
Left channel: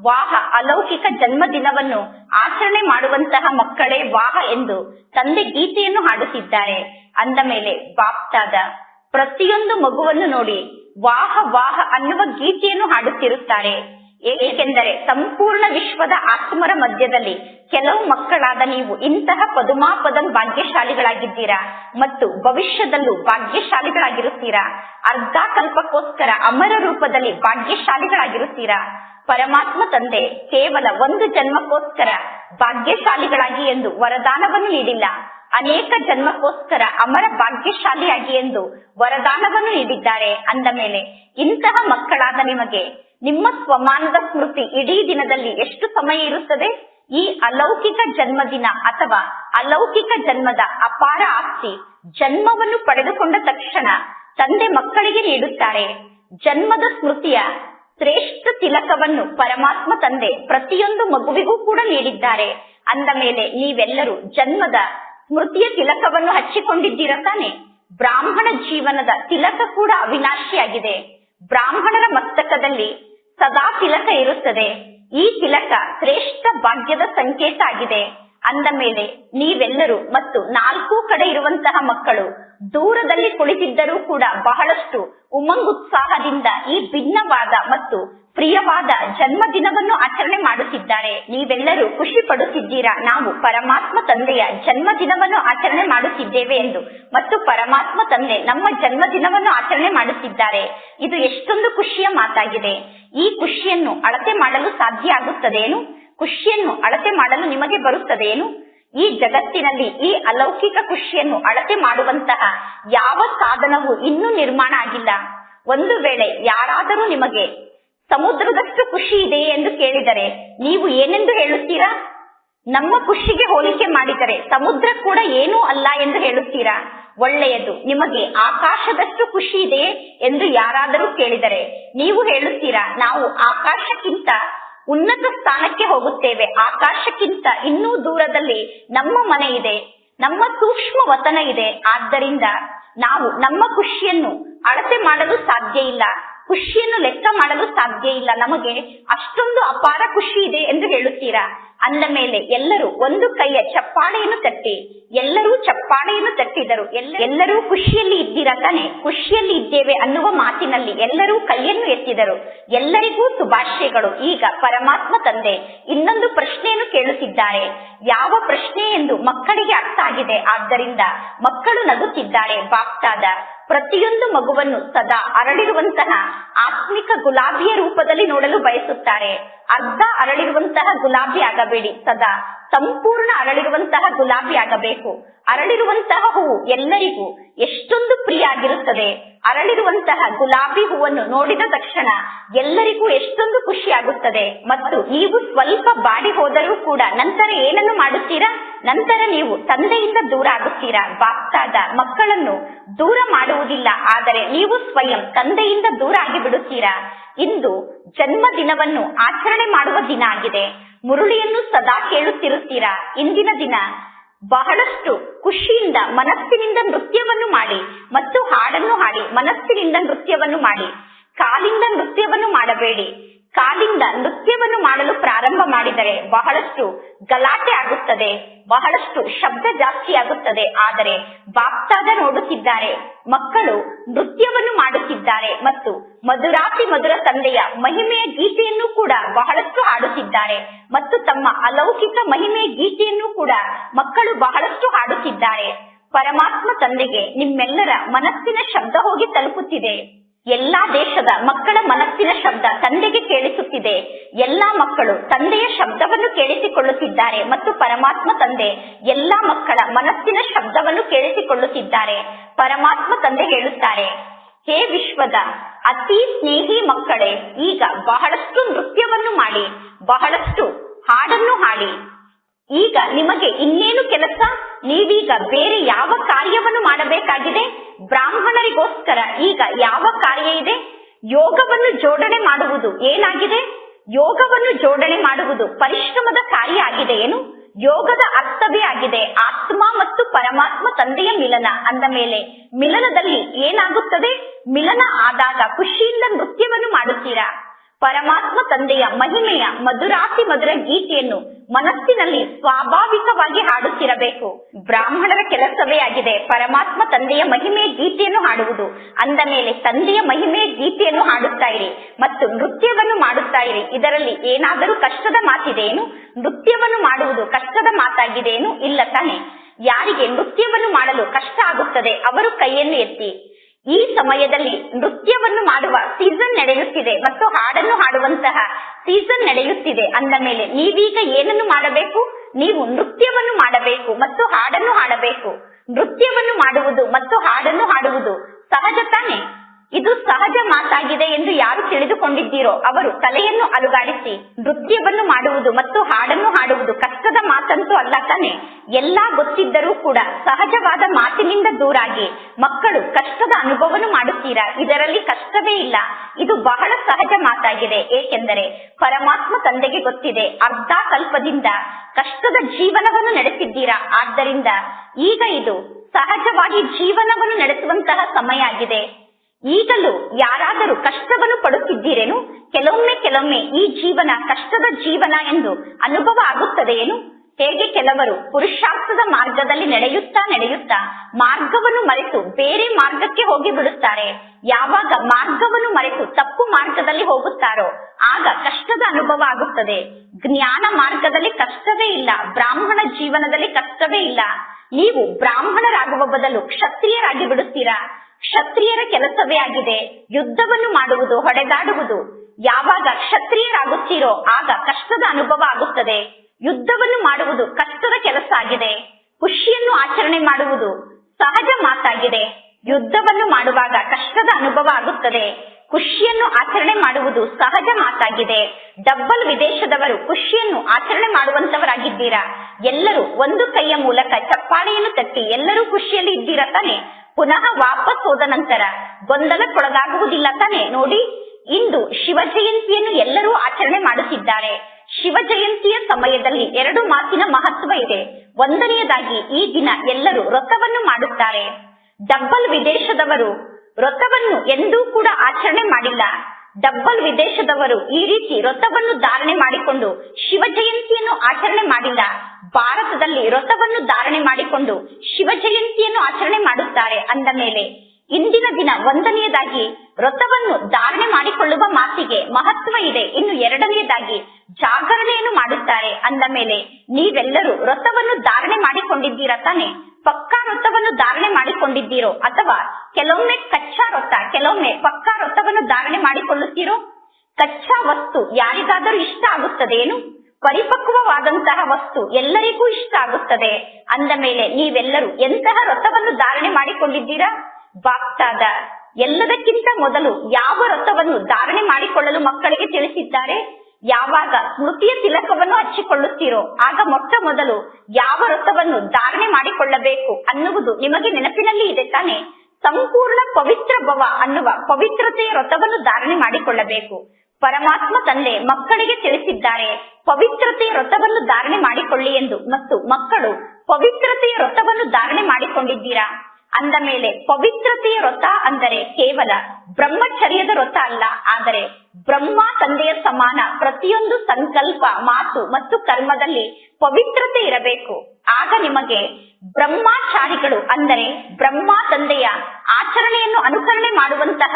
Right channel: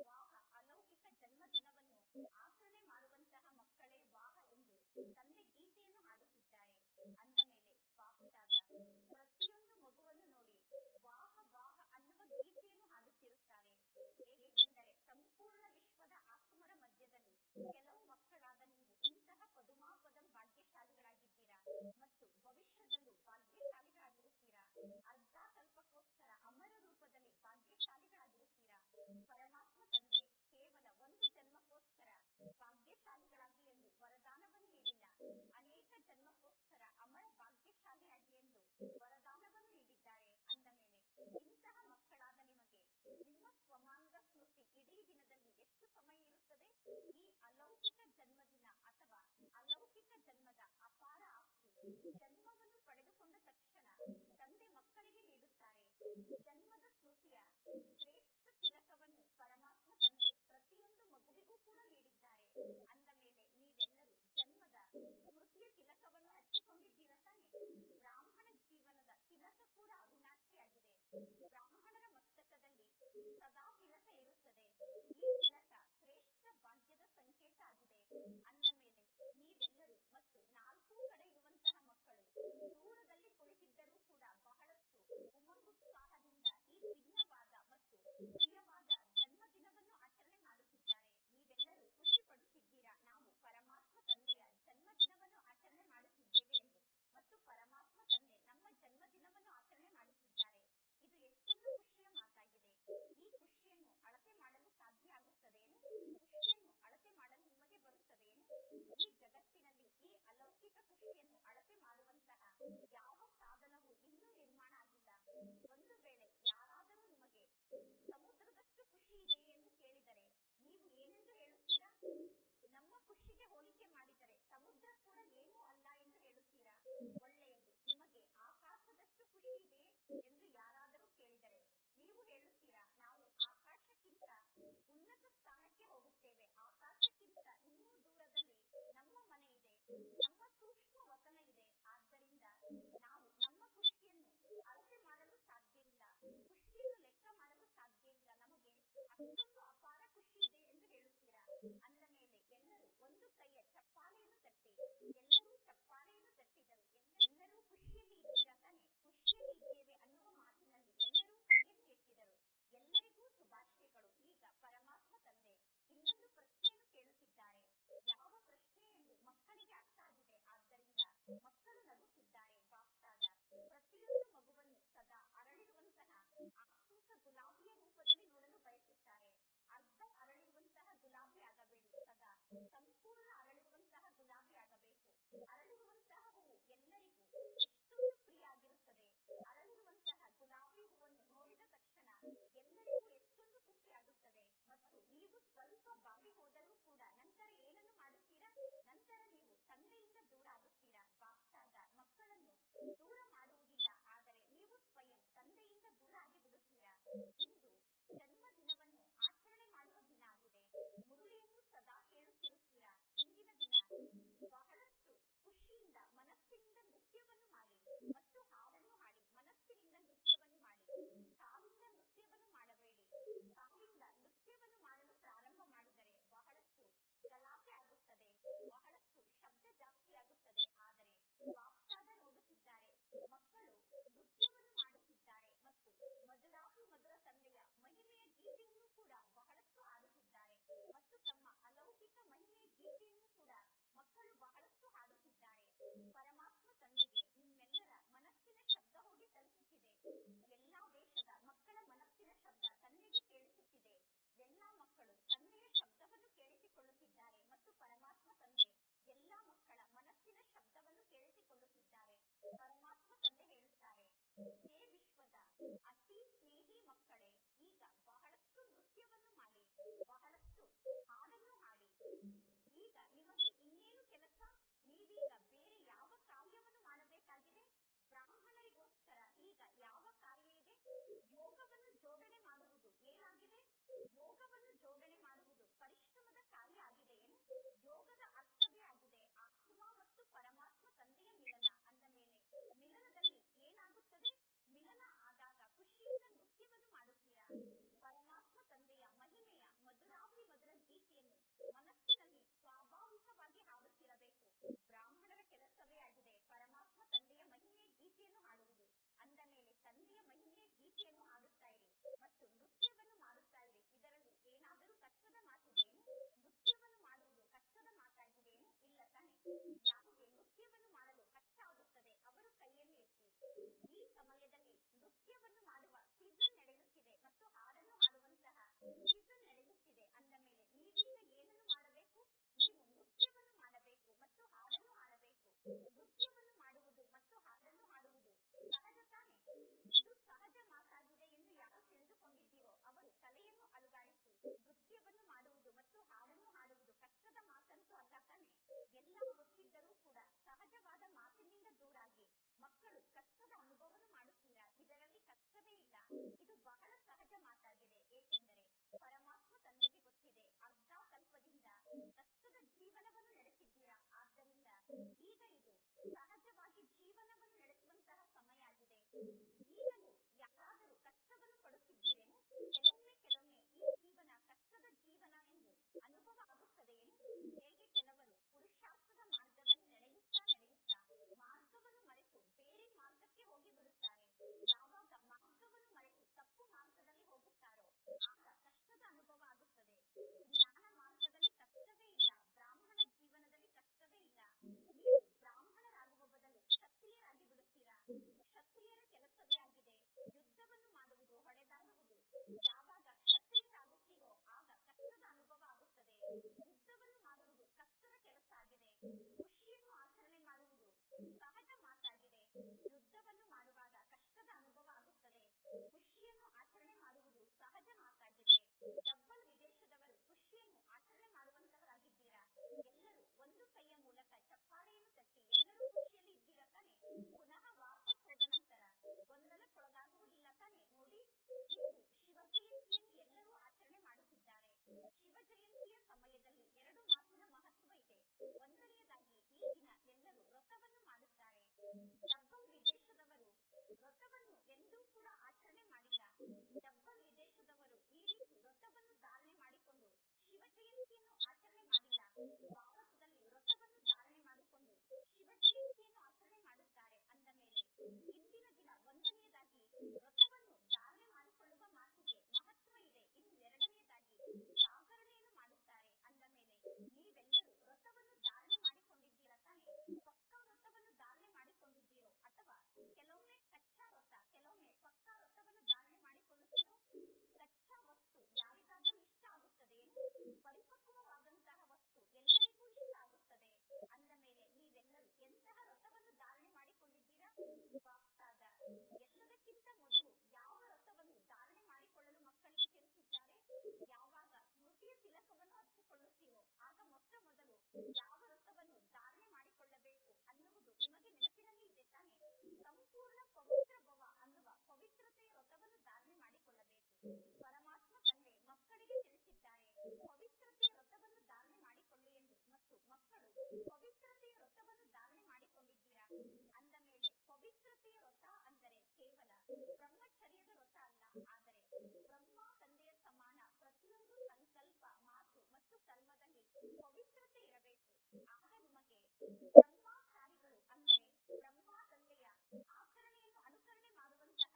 ವಾಹ ಅಲೌಕಿಕ ಜನ್ಮ ದಿನವನ್ನು ಆಚರಣೆ ಮಾಡುವಂತಹ ಮಕ್ಕಳೇ ವಾಹ ಎಂದು ತಂದೆ ಗೀತೆಯನ್ನು ಹಾಡುತ್ತಿದ್ದಾರೆ. ಅಂದ ಮೇಲೆ ಬಾಪ್ತಾದ ಪ್ರತಿಯೊಂದು ಮಗುವನ್ನು ನೋಡಿ ವಾಹ ವಾಹ ಅನ್ನುವ ಗೀತೆಯನ್ನು ಹಾಡುತ್ತಿರುತ್ತಾರೆ. ಏಕೆಂದರೆ ಸಂಪೂರ್ಣ ವಿಶ್ವದ ಆತ್ಮರ ಮಧ್ಯದಲ್ಲಿ ಕೆಲವು ಮಕ್ಕಳಾದ ನೀವು ಇಂತಹ ಪದುಮಾಪದಂ ಭಾಗ್ಯಶಾಲಿಗಳಾಗಿದ್ದೀರಾ ಮತ್ತು ಭವಿಷ್ಯದಲ್ಲೂ ಭಾಗ್ಯಶಾಲಿಗಳಾಗಿರುತ್ತೀರಾ. ಅರ್ಧ ಕಲ್ಪಕ್ಕೋಸ್ಕರ ಅಮರ ರೂಪದಲ್ಲಿ ಭಾಗ್ಯಶಾಲಿಗಳಾಗಿರುತ್ತೀರಾ. ಪರಮಾತ್ಮ ತಂದೆ ಕೇವಲ ಒಂದು ಜನ್ಮಕ್ಕೋಸ್ಕರ ಭಾಗ್ಯಶಾಲಿಗಳಾಗಿ ಎಂದು ವರದಾನವನ್ನು ನೀಡಿಲ್ಲ, ಅನೇಕ ಜನ್ಮಕ್ಕೋಸ್ಕರ ಅಮರ ಭಾಗ್ಯಶಾಲಿಯಾಗಿ ಎಂದು ವರದಾನವನ್ನು ನೀಡಿದ್ದಾರೆ. ಅಂದ ಮೇಲೆ ಇಂತಹ ಮಕ್ಕಳಾದ ನಿಮಗೆ ನಿಮ್ಮ ಸ್ವಮಾನದ ಸ್ಮೃತಿ ಇಡೀ ದಿನದಲ್ಲಿ ಎಷ್ಟು ಸಮಯ ಇರುತ್ತದೆ? ಈ ಅಲೌಕಿಕ ಜನ್ಮದಿನ ಅಥವಾ ಅಲೌಕಿಕ ಜನ್ಮದ ಅಪಾರ ಆಸ್ತಿ ಜನ್ಮವನ್ನು ಪಡೆದುಕೊಂಡ ತಕ್ಷಣ ತಂದೆ ಮಕ್ಕಳಿಗೆ ನೀಡುತ್ತಾರೆ. ಜನ್ಮದ ಸ್ಮೃತಿಯ ಶ್ರೇಷ್ಠ ತಿಲಕವನ್ನು ಪರಮಾತ್ಮ ತಂದೆ ಪ್ರತಿಯೊಂದು ಮಗುವಿಗೂ ಕೂಡ ನೀಡಿದ್ದಾರೆ. ಅಂದ ಮೇಲೆ ನೀವೆಲ್ಲರೂ ಜನ್ಮದ ಸ್ಮೃತಿಯ ತಿಲಕವನ್ನು ಹಚ್ಚಿಕೊಂಡಿದ್ದೀರ ತಾನೆ? ಬ್ರಾಹ್ಮಣ ಜೀವನದ ತಿಲಕ ಕೂಡ ಅವಿನಾಶಿಯಾಗಿದೆ. ಬ್ರಾಹ್ಮಣರ ಮಸ್ತಕದಲ್ಲಿ ಸದಾ ತಿಲಕ ಇರುತ್ತದೆ. ಈ ತಿಲಕ ಶ್ರೇಷ್ಠ ಭಾಗ್ಯದ ಸಂಕೇತ ಆಗಿದೆ. ಅಂದ ಮೇಲೆ ನೀವೆಲ್ಲರೂ ಮತ್ತು ನಾಲ್ಕು ಕಡೆ ಇರುವಂತಹ ಮಕ್ಕಳು ದೂರದಲ್ಲಿ ಕುಳಿತಿದ್ದರೂ ಕೂಡ ಬಹಳಷ್ಟು ಉಮಂಗುತ್ಸಾಹದಿಂದ ಈ ಭಿನ್ನವಾದ ಮತ್ತು ಪ್ರಿಯವಾದ ಜನ್ಮದಿನವನ್ನು ಆಚರಣೆ ಮಾಡುತ್ತಿದ್ದಾರೆ. ನೀವೆಲ್ಲರೂ ಖುಷಿ ಪಡುತ್ತಿದ್ದೀರಾ, ನಾವು ಪರಮಾತ್ಮ ತಂದೆಯ ಜನ್ಮದಿನವನ್ನು ಆಚರಣೆ ಮಾಡುತ್ತಿದ್ದೇವೆ ಎಂದು, ಮತ್ತು ಪರಮಾತ್ಮ ತಂದೆ ನಮ್ಮ ಜನ್ಮದಿನವನ್ನು ಆಚರಣೆ ಮಾಡುತ್ತಿದ್ದಾರೆ. ಇದು ಎಷ್ಟೊಂದು ಖುಷಿಯ ಮಾತಾಗಿದೆ. ಈ ಖುಷಿಯನ್ನು ಅಳತೆ ಮಾಡಲು ಸಾಧ್ಯ ಆಗುತ್ತದೇನು? ಖುಷಿಯನ್ನು ಅಳತೆ ಮಾಡಲು ನಿಮಗೆ ಬರುತ್ತದೇನು? ಈ ಜಗತ್ತಿನಲ್ಲಿ ಈ ಅಲೌಕಿಕ ಖುಷಿಯನ್ನು ಅಳತೆ ಮಾಡುವಂತಹ ಯಾವ ಸಾಧನವೂ ಇನ್ನೂ ನಿರ್ಮಾಣ ಆಗಿಲ್ಲ. ಒಂದು ವೇಳೆ ಯಾರಾದರೂ ನಿಮಗೆ ಸಮುದ್ರದಷ್ಟು ಖುಷಿ ಇದೆಯೇ ಎಂದು ಕೇಳಿದರೆ ನೀವು ಏನೆಂದು ಹೇಳುತ್ತೀರಾ? ನಮ್ಮ ಖುಷಿಗೆ ಹೋಲಿಕೆ ಮಾಡಿದರೆ ಸಮುದ್ರ ಕೂಡ ಏನೂ ಅಲ್ಲ ಎಂದು ಹೇಳುತ್ತೀರಾ? ಒಳ್ಳೆಯದು. ನಿಮಗೆ ಆಕಾಶದಷ್ಟು ಖುಷಿ ಇದೆಯೇ ಎಂದು ಯಾರಾದರೂ ಕೇಳಿದರೆ ನೀವು ಹೇಳುತ್ತೀರಾ, ನಾವು ಆಕಾಶಕ್ಕಿಂತ ಉನ್ನತ ಸ್ಥಾನಕ್ಕೆ ಹೋಗುತ್ತೇವೆ, ಆಕಾಶಕ್ಕಿಂತ ಇನ್ನೂ ದೂರದಲ್ಲಿ ನಮ್ಮ ಮನೆ ಇದೆ, ನಮ್ಮ ಸೂಕ್ಷ್ಮ ವತನ ಇದೆ. ಆದ್ದರಿಂದ ನಾವು ನಮ್ಮ ಖುಷಿಯನ್ನು ಅಳತೆ ಮಾಡಲು ಸಾಧ್ಯ ಇಲ್ಲ, ಖುಷಿಯನ್ನು ಲೆಕ್ಕ ಮಾಡಲು ಸಾಧ್ಯ ಇಲ್ಲ, ನಮಗೆ ಅಷ್ಟೊಂದು ಅಪಾರ ಖುಷಿ ಇದೆ ಎಂದು ಹೇಳುತ್ತೀರಾ. ಅಂದ ಮೇಲೆ ಎಲ್ಲರೂ ಒಂದು ಕೈಯ ಚಪ್ಪಾಳೆಯನ್ನು ತಟ್ಟಿ. ಎಲ್ಲರೂ ಚಪ್ಪಾಳೆಯನ್ನು ತಟ್ಟಿದರು. ಎಲ್ಲರೂ ಖುಷಿಯಲ್ಲಿ ಇದ್ದೀರಾ ತಾನೆ? ಖುಷಿಯಲ್ಲಿ ಇದ್ದೇವೆ ಮಾಡುತ್ತಿದ್ದೇವೆ ಅನ್ನುವ ಮಾತಿನಲ್ಲಿ ಎಲ್ಲರೂ ಕೈಯನ್ನು ಎತ್ತಿದರು. ಎಲ್ಲರಿಗೂ ಶುಭಾಶಯಗಳು. ಈಗ ಪರಮಾತ್ಮ ತಂದೆ ಇನ್ನೊಂದು ಪ್ರಶ್ನೆಯನ್ನು ಕೇಳುತ್ತಿದ್ದಾರೆ. ಯಾವ ಪ್ರಶ್ನೆ ಎಂದು ಮಕ್ಕಳಿಗೆ ಅರ್ಥ ಆಗಿದೆ. ಆದ್ದರಿಂದ ಮಕ್ಕಳು ನಗುತ್ತಿದ್ದಾರೆ. ಬಾಪ್ತಾದ ಪ್ರತಿಯೊಂದು ಮಗುವನ್ನು ಸದಾ ಅರಳಿರುವಂತಹ ಆತ್ಮಿಕ ಗುಲಾಬಿಯ ರೂಪದಲ್ಲಿ ನೋಡಲು ಬಯಸುತ್ತಾರೆ. ಅರ್ಧ ಅರಳಿರುವಂತಹ ಗುಲಾಬಿ ಆಗಬೇಡಿ, ಸದಾ ಸಂಪೂರ್ಣ ಅರಳಿರುವಂತಹ ಗುಲಾಬಿ ಆಗಬೇಕು. ಅರಳಿರುವಂತಹ ಹೂವು ಎಲ್ಲರಿಗೂ ಎಷ್ಟೊಂದು ಪ್ರಿಯ ಆಗಿರುತ್ತದೆ. ಅರಳಿರುವಂತಹ ಗುಲಾಬಿ ಹೂವನ್ನು ನೋಡಿದ ತಕ್ಷಣ ಎಲ್ಲರಿಗೂ ಎಷ್ಟೊಂದು ಖುಷಿ ಆಗುತ್ತದೆ. ಮತ್ತು ನೀವು ಸ್ವಲ್ಪ ಬಾಡಿ ಹೋದರೂ ಕೂಡ ನಂತರ ಏನನ್ನು ಮಾಡುತ್ತೀರಾ? ನಂತರ ನೀವು ತಂದೆಯಿಂದ ದೂರ ಆಗುತ್ತೀರಾ. ಬಾಪ್ತಾದ ಮಕ್ಕಳನ್ನು ದೂರ ಮಾಡುವುದಿಲ್ಲ, ಆದರೆ ನೀವು ಸ್ವಯಂ ತಂದೆಯಿಂದ ದೂರ ಆಗಿಬಿಡುತ್ತೀರಾ. ಇಂದು ಜನ್ಮ ದಿನವನ್ನು ಆಚರಣೆ ಮಾಡುವ ದಿನ ಆಗಿದೆ. ಮುರುಳಿಯನ್ನು ಸದಾ ಕೇಳುತ್ತಿರುತ್ತೀರಾ. ಇಂದಿನ ದಿನ ಬಹಳಷ್ಟು ಖುಷಿಯಿಂದ ಮನಸ್ಸಿನಿಂದ ನೃತ್ಯವನ್ನು ಮಾಡಿ ಮತ್ತು ಹಾಡನ್ನು ಹಾಡಿ. ಮನಸ್ಸಿನಿಂದ ನೃತ್ಯವನ್ನು ಮಾಡಿ, ಕಾಲಿಂದ ನೃತ್ಯವನ್ನು ಮಾಡಬೇಡಿ. ಕಾಲಿಂದ ನೃತ್ಯವನ್ನು ಮಾಡಲು ಪ್ರಾರಂಭ ಮಾಡಿದರೆ ಬಹಳಷ್ಟು ಗಲಾಟೆ ಆಗುತ್ತದೆ, ಬಹಳಷ್ಟು ಶಬ್ದ ಜಾಸ್ತಿ ಆಗುತ್ತದೆ. ಆದರೆ ಬಾಪ್ತಾದ ನೋಡುತ್ತಿದ್ದಾರೆ, ಮಕ್ಕಳು ನೃತ್ಯವನ್ನು ಮಾಡುತ್ತಿದ್ದಾರೆ ಮತ್ತು ಮಧುರಾತಿ ಮಧುರ ತಂದೆಯ ಮಹಿಮೆಯ ಗೀತೆಯನ್ನು ಕೂಡ ಬಹಳಷ್ಟು ಹಾಡುತ್ತಿದ್ದಾರೆ ಮತ್ತು ತಮ್ಮ ಅಲೌಕಿಕ ಮಹಿಮೆಯ ಗೀತೆಯನ್ನು ಕೂಡ ಮಕ್ಕಳು ಬಹಳಷ್ಟು ಹಾಡುತ್ತಿದ್ದಾರೆ. ಪರಮಾತ್ಮ ತಂದೆಗೆ ನಿಮ್ಮೆಲ್ಲರ ಮನಸ್ಸಿನ ಶಬ್ದ ಹೋಗಿ ತಲುಪುತ್ತಿದೆ. ಎಲ್ಲಾ ದೇಶದ ಮಕ್ಕಳ ಮನಸ್ಸಿನ ಶಬ್ದ ತಂದೆಗೆ ಕೇಳಿಸುತ್ತಿದೆ. ಎಲ್ಲಾ ಮಕ್ಕಳು ತಂದೆಯ ಶಬ್ದವನ್ನು ಕೇಳಿಸಿಕೊಳ್ಳುತ್ತಿದ್ದಾರೆ ಮತ್ತು ಪರಮಾತ್ಮ ತಂದೆ ಎಲ್ಲಾ ಮಕ್ಕಳ ಮನಸ್ಸಿನ ಶಬ್ದವನ್ನು ಕೇಳಿಸಿಕೊಳ್ಳುತ್ತಿದ್ದಾರೆ. ಪರಮಾತ್ಮ ತಂದೆ ಹೇಳುತ್ತಾರೆ, ಹೇ ವಿಶ್ವದ ಅತಿ ಸ್ನೇಹಿ ಮಕ್ಕಳೇ, ಈಗ ಬಹಳಷ್ಟು ನೃತ್ಯವನ್ನು ಮಾಡಿ, ಬಹಳಷ್ಟು ಹಾಡನ್ನು ಹಾಡಿ. ಈಗ ನಿಮಗೆ ಇನ್ನೇನು ಕೆಲಸ? ನೀವೀಗ ಬೇರೆ ಯಾವ ಕಾರ್ಯವನ್ನು ಮಾಡಬೇಕಾಗಿದೆ? ಬ್ರಾಹ್ಮಣರಿಗೋಸ್ಕರ ಈಗ ಯಾವ ಕಾರ್ಯ ಇದೆ? ಯೋಗವನ್ನು ಜೋಡಣೆ ಮಾಡುವುದು ಏನಾಗಿದೆ? ಯೋಗವನ್ನು ಜೋಡಣೆ ಮಾಡುವುದು ಪರಿಶ್ರಮದ ಕಾರ್ಯ ಆಗಿದೆ ಏನು? ಯೋಗದ ಅರ್ಥವೇ ಆಗಿದೆ ಆತ್ಮ ಮತ್ತು ಪರಮಾತ್ಮ ತಂದೆಯ ಮಿಲನ. ಅಂದ ಮೇಲೆ ಮಿಲನದಲ್ಲಿ ಏನಾಗುತ್ತದೆ? ಮಿಲನ ಆದಾಗ ಖುಷಿಯಿಂದ ನೃತ್ಯವನ್ನು ಮಾಡುತ್ತೀರಾ. ಪರಮಾತ್ಮ ತಂದೆಯ ಮಹಿಮೆಯ ಮಧುರಾತಿ ಮಧುರ ಗೀತೆಯನ್ನು ಮನಸ್ಸಿನಲ್ಲಿ ಸ್ವಾಭಾವಿಕವಾಗಿ ಹಾಡುತ್ತಿರಬೇಕು. ಬ್ರಾಹ್ಮಣರ ಕೆಲಸವೇ ಆಗಿದೆ ಪರಮಾತ್ಮ ತಂದೆಯ ಮಹಿಮೆಯ ಗೀತೆಯನ್ನು ಹಾಡುವುದು. ಅಂದ ಮೇಲೆ ತಂದೆಯ ಮಹಿಮೆಯ ಗೀತೆಯನ್ನು ಹಾಡುತ್ತಾ ಇರಿ ಮತ್ತು ನೃತ್ಯವನ್ನು ಮಾಡುತ್ತಾ ಇರಿ. ಇದರಲ್ಲಿ ಏನಾದರೂ ಕಷ್ಟದ ಮಾತಿದೆಯೇನು? ನೃತ್ಯವನ್ನು ಮಾಡುವುದು ಕಷ್ಟದ ಮಾತಾಗಿದೆಯೇನು? ಇಲ್ಲ ತಾನೆ. ಯಾರಿಗೆ ನೃತ್ಯವನ್ನು ಮಾಡಲು ಕಷ್ಟ ಆಗುತ್ತದೆ ಅವರು ಕೈಯನ್ನು ಎತ್ತಿ. ಈ ಸಮಯದಲ್ಲಿ ನೃತ್ಯವನ್ನು ಮಾಡುವ ಸೀಸನ್ ನಡೆಯುತ್ತಿದೆ ಮತ್ತು ಹಾಡನ್ನು ಹಾಡುವಂತಹ ಸೀಸನ್ ನಡೆಯುತ್ತಿದೆ. ಅಂದ ಮೇಲೆ ನೀವೀಗ ಏನನ್ನು ಮಾಡಬೇಕು? ನೀವು ನೃತ್ಯವನ್ನು ಮಾಡಬೇಕು ಮತ್ತು ಹಾಡನ್ನು ಹಾಡಬೇಕು. ನೃತ್ಯವನ್ನು ಮಾಡುವುದು ಮತ್ತು ಹಾಡನ್ನು ಹಾಡುವುದು ಸಹಜ ತಾನೆ. ಇದು ಸಹಜ ಮಾತಾಗಿದೆ ಎಂದು ಯಾರು ತಿಳಿದುಕೊಂಡಿದ್ದೀರೋ ಅವರು ತಲೆಯನ್ನು ಅಲುಗಾಡಿಸಿ. ನೃತ್ಯವನ್ನು ಮಾಡುವುದು ಮತ್ತು ಹಾಡನ್ನು ಹಾಡುವುದು ಕಷ್ಟದ ಮಾತಂತೂ ಅಲ್ಲ ತಾನೆ. ಎಲ್ಲಾ ಗೊತ್ತಿದ್ದರೂ ಕೂಡ ಸಹಜವಾದ ಮಾತಿನಿಂದ ದೂರಾಗಿ ಮಕ್ಕಳು ಕಷ್ಟದ ಅನುಭವವನ್ನು ಮಾಡುತ್ತೀರಾ. ಇದರಲ್ಲಿ ಕಷ್ಟವೇ ಇಲ್ಲ, ಇದು ಬಹಳ ಸಹಜ ಮಾತಾಗಿದೆ. ಏಕೆಂದರೆ ಪರಮಾತ್ಮ ತಂದೆಗೆ ಗೊತ್ತಿದೆ ಅರ್ಧ ಕಲ್ಪದಿಂದ ಕಷ್ಟದ ಜೀವನವನ್ನು ನಡೆಸಿದ್ದೀರಾ. ಆದ್ದರಿಂದ ಈಗ ಇದು ಸಹಜವಾಗಿ ಜೀವನವನ್ನು ನಡೆಸುವಂತಹ ಸಮಯ ಆಗಿದೆ. ಈಗಲೂ ಯಾರಾದರೂ ಕಷ್ಟವನ್ನು ಪಡುತ್ತಿದ್ದೀರೇನು? ಕೆಲವೊಮ್ಮೆ ಈ ಜೀವನ ಕಷ್ಟದ ಜೀವನ ಎಂದು ಅನುಭವ ಆಗುತ್ತದೆಯೇನು? ಹೇಗೆ ಕೆಲವರು ಪುರುಷಾರ್ಥದ ಮಾರ್ಗದಲ್ಲಿ ನಡೆಯುತ್ತಾ ಮಾರ್ಗವನ್ನು ಮರೆತು ಬೇರೆ ಮಾರ್ಗಕ್ಕೆ ಹೋಗಿ ಬಿಡುತ್ತಾರೆ. ಯಾವಾಗ ಮಾರ್ಗವನ್ನು ಮರೆತು ತಪ್ಪು ಮಾರ್ಗದಲ್ಲಿ ಹೋಗುತ್ತಾರೋ ಆಗ ಕಷ್ಟದ ಅನುಭವ ಆಗುತ್ತದೆ. ಜ್ಞಾನ ಮಾರ್ಗದಲ್ಲಿ ಕಷ್ಟವೇ ಇಲ್ಲ, ಬ್ರಾಹ್ಮಣ ಜೀವನದಲ್ಲಿ ಕಷ್ಟವೇ ಇಲ್ಲ. ನೀವು ಬ್ರಾಹ್ಮಣರಾಗುವ ಬದಲು ಕ್ಷತ್ರಿಯರಾಗಿ ಬಿಡುತ್ತೀರಾ. ಕ್ಷತ್ರಿಯರ ಕೆಲಸವೇ ಆಗಿದೆ ಯುದ್ಧವನ್ನು ಮಾಡುವುದು, ಹೊಡೆದಾಡುವುದು. ಯಾವಾಗ ಕ್ಷತ್ರಿಯರಾಗುತ್ತೀರೋ ಆಗ ಕಷ್ಟದ ಅನುಭವ ಆಗುತ್ತದೆ. ಯುದ್ಧವನ್ನು ಮಾಡುವುದು ಕಷ್ಟದ ಕೆಲಸ ಆಗಿದೆ. ಖುಷಿಯನ್ನು ಆಚರಣೆ ಮಾಡುವುದು ಸಹಜ ಮಾತಾಗಿದೆ. ಯುದ್ಧವನ್ನು ಮಾಡುವಾಗ ಕಷ್ಟದ ಅನುಭವ ಆಗುತ್ತದೆ. ಖುಷಿಯನ್ನು ಆಚರಣೆ ಮಾಡುವುದು ಸಹಜ ಮಾತಾಗಿದೆ. ಡಬ್ಬಲ್ ವಿದೇಶದವರು ಖುಷಿಯನ್ನು ಆಚರಣೆ ಮಾಡುವಂತವರಾಗಿದ್ದೀರಾ. ಎಲ್ಲರೂ ಒಂದು ಕೈಯ ಮೂಲಕ ಚಪ್ಪಾಳೆಯನ್ನು ತಟ್ಟಿ ಎಲ್ಲರೂ ಖುಷಿಯಲ್ಲಿ ಇದ್ದೀರಾ ತಾನೆ. ಪುನಃ ವಾಪಸ್ ಹೋದ ನಂತರ ಗೊಂದಲಕ್ಕೊಳಗಾಗುವುದಿಲ್ಲ ತಾನೆ. ನೋಡಿ, ಇಂದು ಶಿವ ಜಯಂತಿಯನ್ನು ಎಲ್ಲರೂ ಆಚರಣೆ ಮಾಡುತ್ತಿದ್ದಾರೆ. ಶಿವ ಜಯಂತಿಯ ಸಮಯದಲ್ಲಿ ಎರಡು ಮಾತಿನ ಮಹತ್ವ ಇದೆ. ಒಂದನೆಯದಾಗಿ ಈ ದಿನ ಎಲ್ಲರೂ ವ್ರತವನ್ನು ಮಾಡುತ್ತಾರೆ. ಡಬ್ಬಲ್ ವಿದೇಶದವರು ವ್ರತವನ್ನು ಎಂದೂ ಕೂಡ ಆಚರಣೆ ಮಾಡಿಲ್ಲ. ಡಬ್ಬಲ್ ವಿದೇಶದವರು ಈ ರೀತಿ ವ್ರತವನ್ನು ಧಾರಣೆ ಮಾಡಿಕೊಂಡು ಶಿವ ಜಯಂತಿಯನ್ನು ಆಚರಣೆ ಮಾಡಿಲ್ಲ. ಭಾರತದಲ್ಲಿ ವ್ರತವನ್ನು ಧಾರಣೆ ಮಾಡಿಕೊಂಡು ಶಿವ ಜಯಂತಿಯನ್ನು ಆಚರಣೆ ಮಾಡುತ್ತಾರೆ. ಅಂದ ಮೇಲೆ ಇಂದಿನ ದಿನ ಒಂದನೆಯದಾಗಿ ವ್ರತವನ್ನು ಧಾರಣೆ ಮಾಡಿಕೊಳ್ಳುವ ಮಾತಿಗೆ ಮಹತ್ವ ಇದೆ. ಇನ್ನು ಎರಡನೆಯದಾಗಿ ಜಾಗರಣೆಯನ್ನು ಮಾಡುತ್ತಾರೆ. ಅಂದ ಮೇಲೆ ನೀವೆಲ್ಲರೂ ವ್ರತವನ್ನು ಧಾರಣೆ ಮಾಡಿಕೊಂಡಿದ್ದೀರಾ ತಾನೆ? ಪಕ್ಕಾ ವ್ರತವನ್ನು ಧಾರಣೆ ಮಾಡಿಕೊಂಡಿದ್ದೀರೋ ಅಥವಾ ಕೆಲವೊಮ್ಮೆ ಕಚ್ಚಾ ವ್ರತ, ಕೆಲವೊಮ್ಮೆ ಪಕ್ಕಾ ವ್ರತವನ್ನು ಧಾರಣೆ ಮಾಡಿಕೊಳ್ಳುತ್ತೀರೋ? ಕಚ್ಚಾ ವಸ್ತು ಯಾರಿಗಾದರೂ ಇಷ್ಟ ಆಗುತ್ತದೇನು? ಪರಿಪಕ್ವವಾದಂತಹ ವಸ್ತು ಎಲ್ಲರಿಗೂ ಇಷ್ಟ ಆಗುತ್ತದೆ. ಅಂದ ಮೇಲೆ ನೀವೆಲ್ಲರೂ ಎಂತಹ ವ್ರತವನ್ನು ಧಾರಣೆ ಮಾಡಿಕೊಂಡಿದ್ದೀರಾ? ಬಾಪ್ತಾದ ಎಲ್ಲದಕ್ಕಿಂತ ಮೊದಲು ಯಾವ ವ್ರತವನ್ನು ಧಾರಣೆ ಮಾಡಿಕೊಳ್ಳಲು ಮಕ್ಕಳಿಗೆ ತಿಳಿಸಿದ್ದಾರೆ? ಯಾವಾಗ ಸ್ಮೃತಿಯ ತಿಲಕವನ್ನು ಹಚ್ಚಿಕೊಳ್ಳುತ್ತೀರೋ ಆಗ ಮೊಟ್ಟ ಮೊದಲು ಯಾವ ವ್ರತವನ್ನು ಧಾರಣೆ ಮಾಡಿಕೊಳ್ಳಬೇಕು ಅನ್ನುವುದು ನಿಮಗೆ ನೆನಪಿನಲ್ಲಿ ಇದೆ ತಾನೆ? ಸಂಪೂರ್ಣ ಪವಿತ್ರ ಭವ ಅನ್ನುವ ಪವಿತ್ರತೆಯ ವ್ರತವನ್ನು ಧಾರಣೆ ಮಾಡಿಕೊಳ್ಳಬೇಕು. ಪರಮಾತ್ಮ ತಂದೆ ಮಕ್ಕಳಿಗೆ ತಿಳಿಸಿದ್ದಾರೆ ಪವಿತ್ರತೆಯ ವ್ರತವನ್ನು ಧಾರಣೆ ಮಾಡಿಕೊಳ್ಳಿ ಎಂದು. ಮತ್ತು ಮಕ್ಕಳು ಪವಿತ್ರತೆಯ ವ್ರತವನ್ನು ಧಾರಣೆ ಮಾಡಿಕೊಂಡಿದ್ದೀರಾ? ಅಂದ ಮೇಲೆ ಪವಿತ್ರತೆಯ ವ್ರತ ಅಂದರೆ ಕೇವಲ ಬ್ರಹ್ಮಚರ್ಯದ ವ್ರತ ಅಲ್ಲ, ಆದರೆ ಬ್ರಹ್ಮ ತಂದೆಯ ಸಮಾನ ಪ್ರತಿಯೊಂದು ಸಂಕಲ್ಪ, ಮಾತು ಮತ್ತು ಕರ್ಮದಲ್ಲಿ ಪವಿತ್ರತೆ ಇರಬೇಕು. ಆಗ ನಿಮಗೆ ಬ್ರಹ್ಮಚಾರಿಗಳು ಅಂದರೆ ಬ್ರಹ್ಮ ತಂದೆಯ ಆಚರಣೆಯನ್ನು ಅನುಕರಣೆ ಮಾಡುವಂತಹ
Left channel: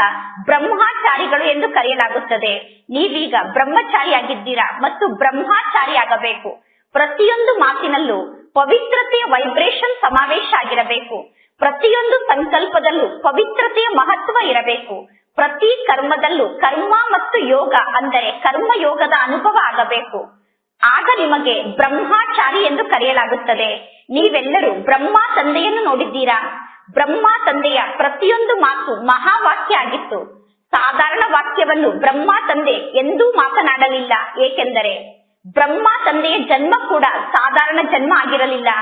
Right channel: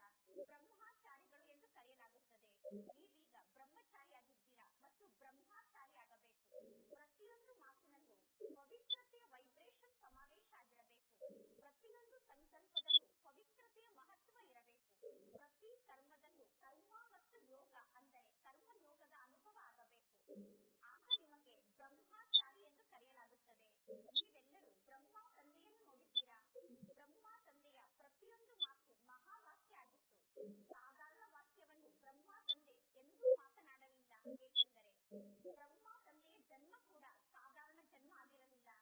ಬ್ರಹ್ಮಚಾರಿಗಳು ಎಂದು ಕರೆಯಲಾಗುತ್ತದೆ. ನೀವೀಗ ಬ್ರಹ್ಮಚಾರಿಯಾಗಿದ್ದೀರಾ ಮತ್ತು ಬ್ರಹ್ಮಚಾರಿ ಆಗಬೇಕು. ಪ್ರತಿಯೊಂದು ಮಾತಿನಲ್ಲೂ ಪವಿತ್ರತೆಯ ವೈಬ್ರೇಷನ್ ಸಮಾವೇಶ ಆಗಿರಬೇಕು. ಪ್ರತಿಯೊಂದು ಸಂಕಲ್ಪದಲ್ಲೂ ಪವಿತ್ರತೆಯ ಮಹತ್ವ ಇರಬೇಕು. ಪ್ರತಿ ಕರ್ಮದಲ್ಲೂ ಕರ್ಮ ಮತ್ತು ಯೋಗ ಅಂದರೆ ಕರ್ಮಯೋಗದ ಅನುಭವ ಆಗಬೇಕು. ಆಗ ನಿಮಗೆ ಬ್ರಹ್ಮಚಾರಿ ಎಂದು ಕರೆಯಲಾಗುತ್ತದೆ. ನೀವೆಲ್ಲರೂ ಬ್ರಹ್ಮ ತಂದೆಯನ್ನು ನೋಡಿದ್ದೀರಾ? ಬ್ರಹ್ಮ ತಂದೆಯ ಪ್ರತಿಯೊಂದು ಮಾತು ಮಹಾವಾಕ್ಯ ಆಗಿತ್ತು. ಸಾಧಾರಣ ವಾಕ್ಯವನ್ನು ಬ್ರಹ್ಮ ತಂದೆ ಎಂದೂ ಮಾತನಾಡಲಿಲ್ಲ. ಏಕೆಂದರೆ ಬ್ರಹ್ಮ ತಂದೆಯ ಜನ್ಮ ಕೂಡ ಸಾಧಾರಣ ಜನ್ಮ ಆಗಿರಲಿಲ್ಲ.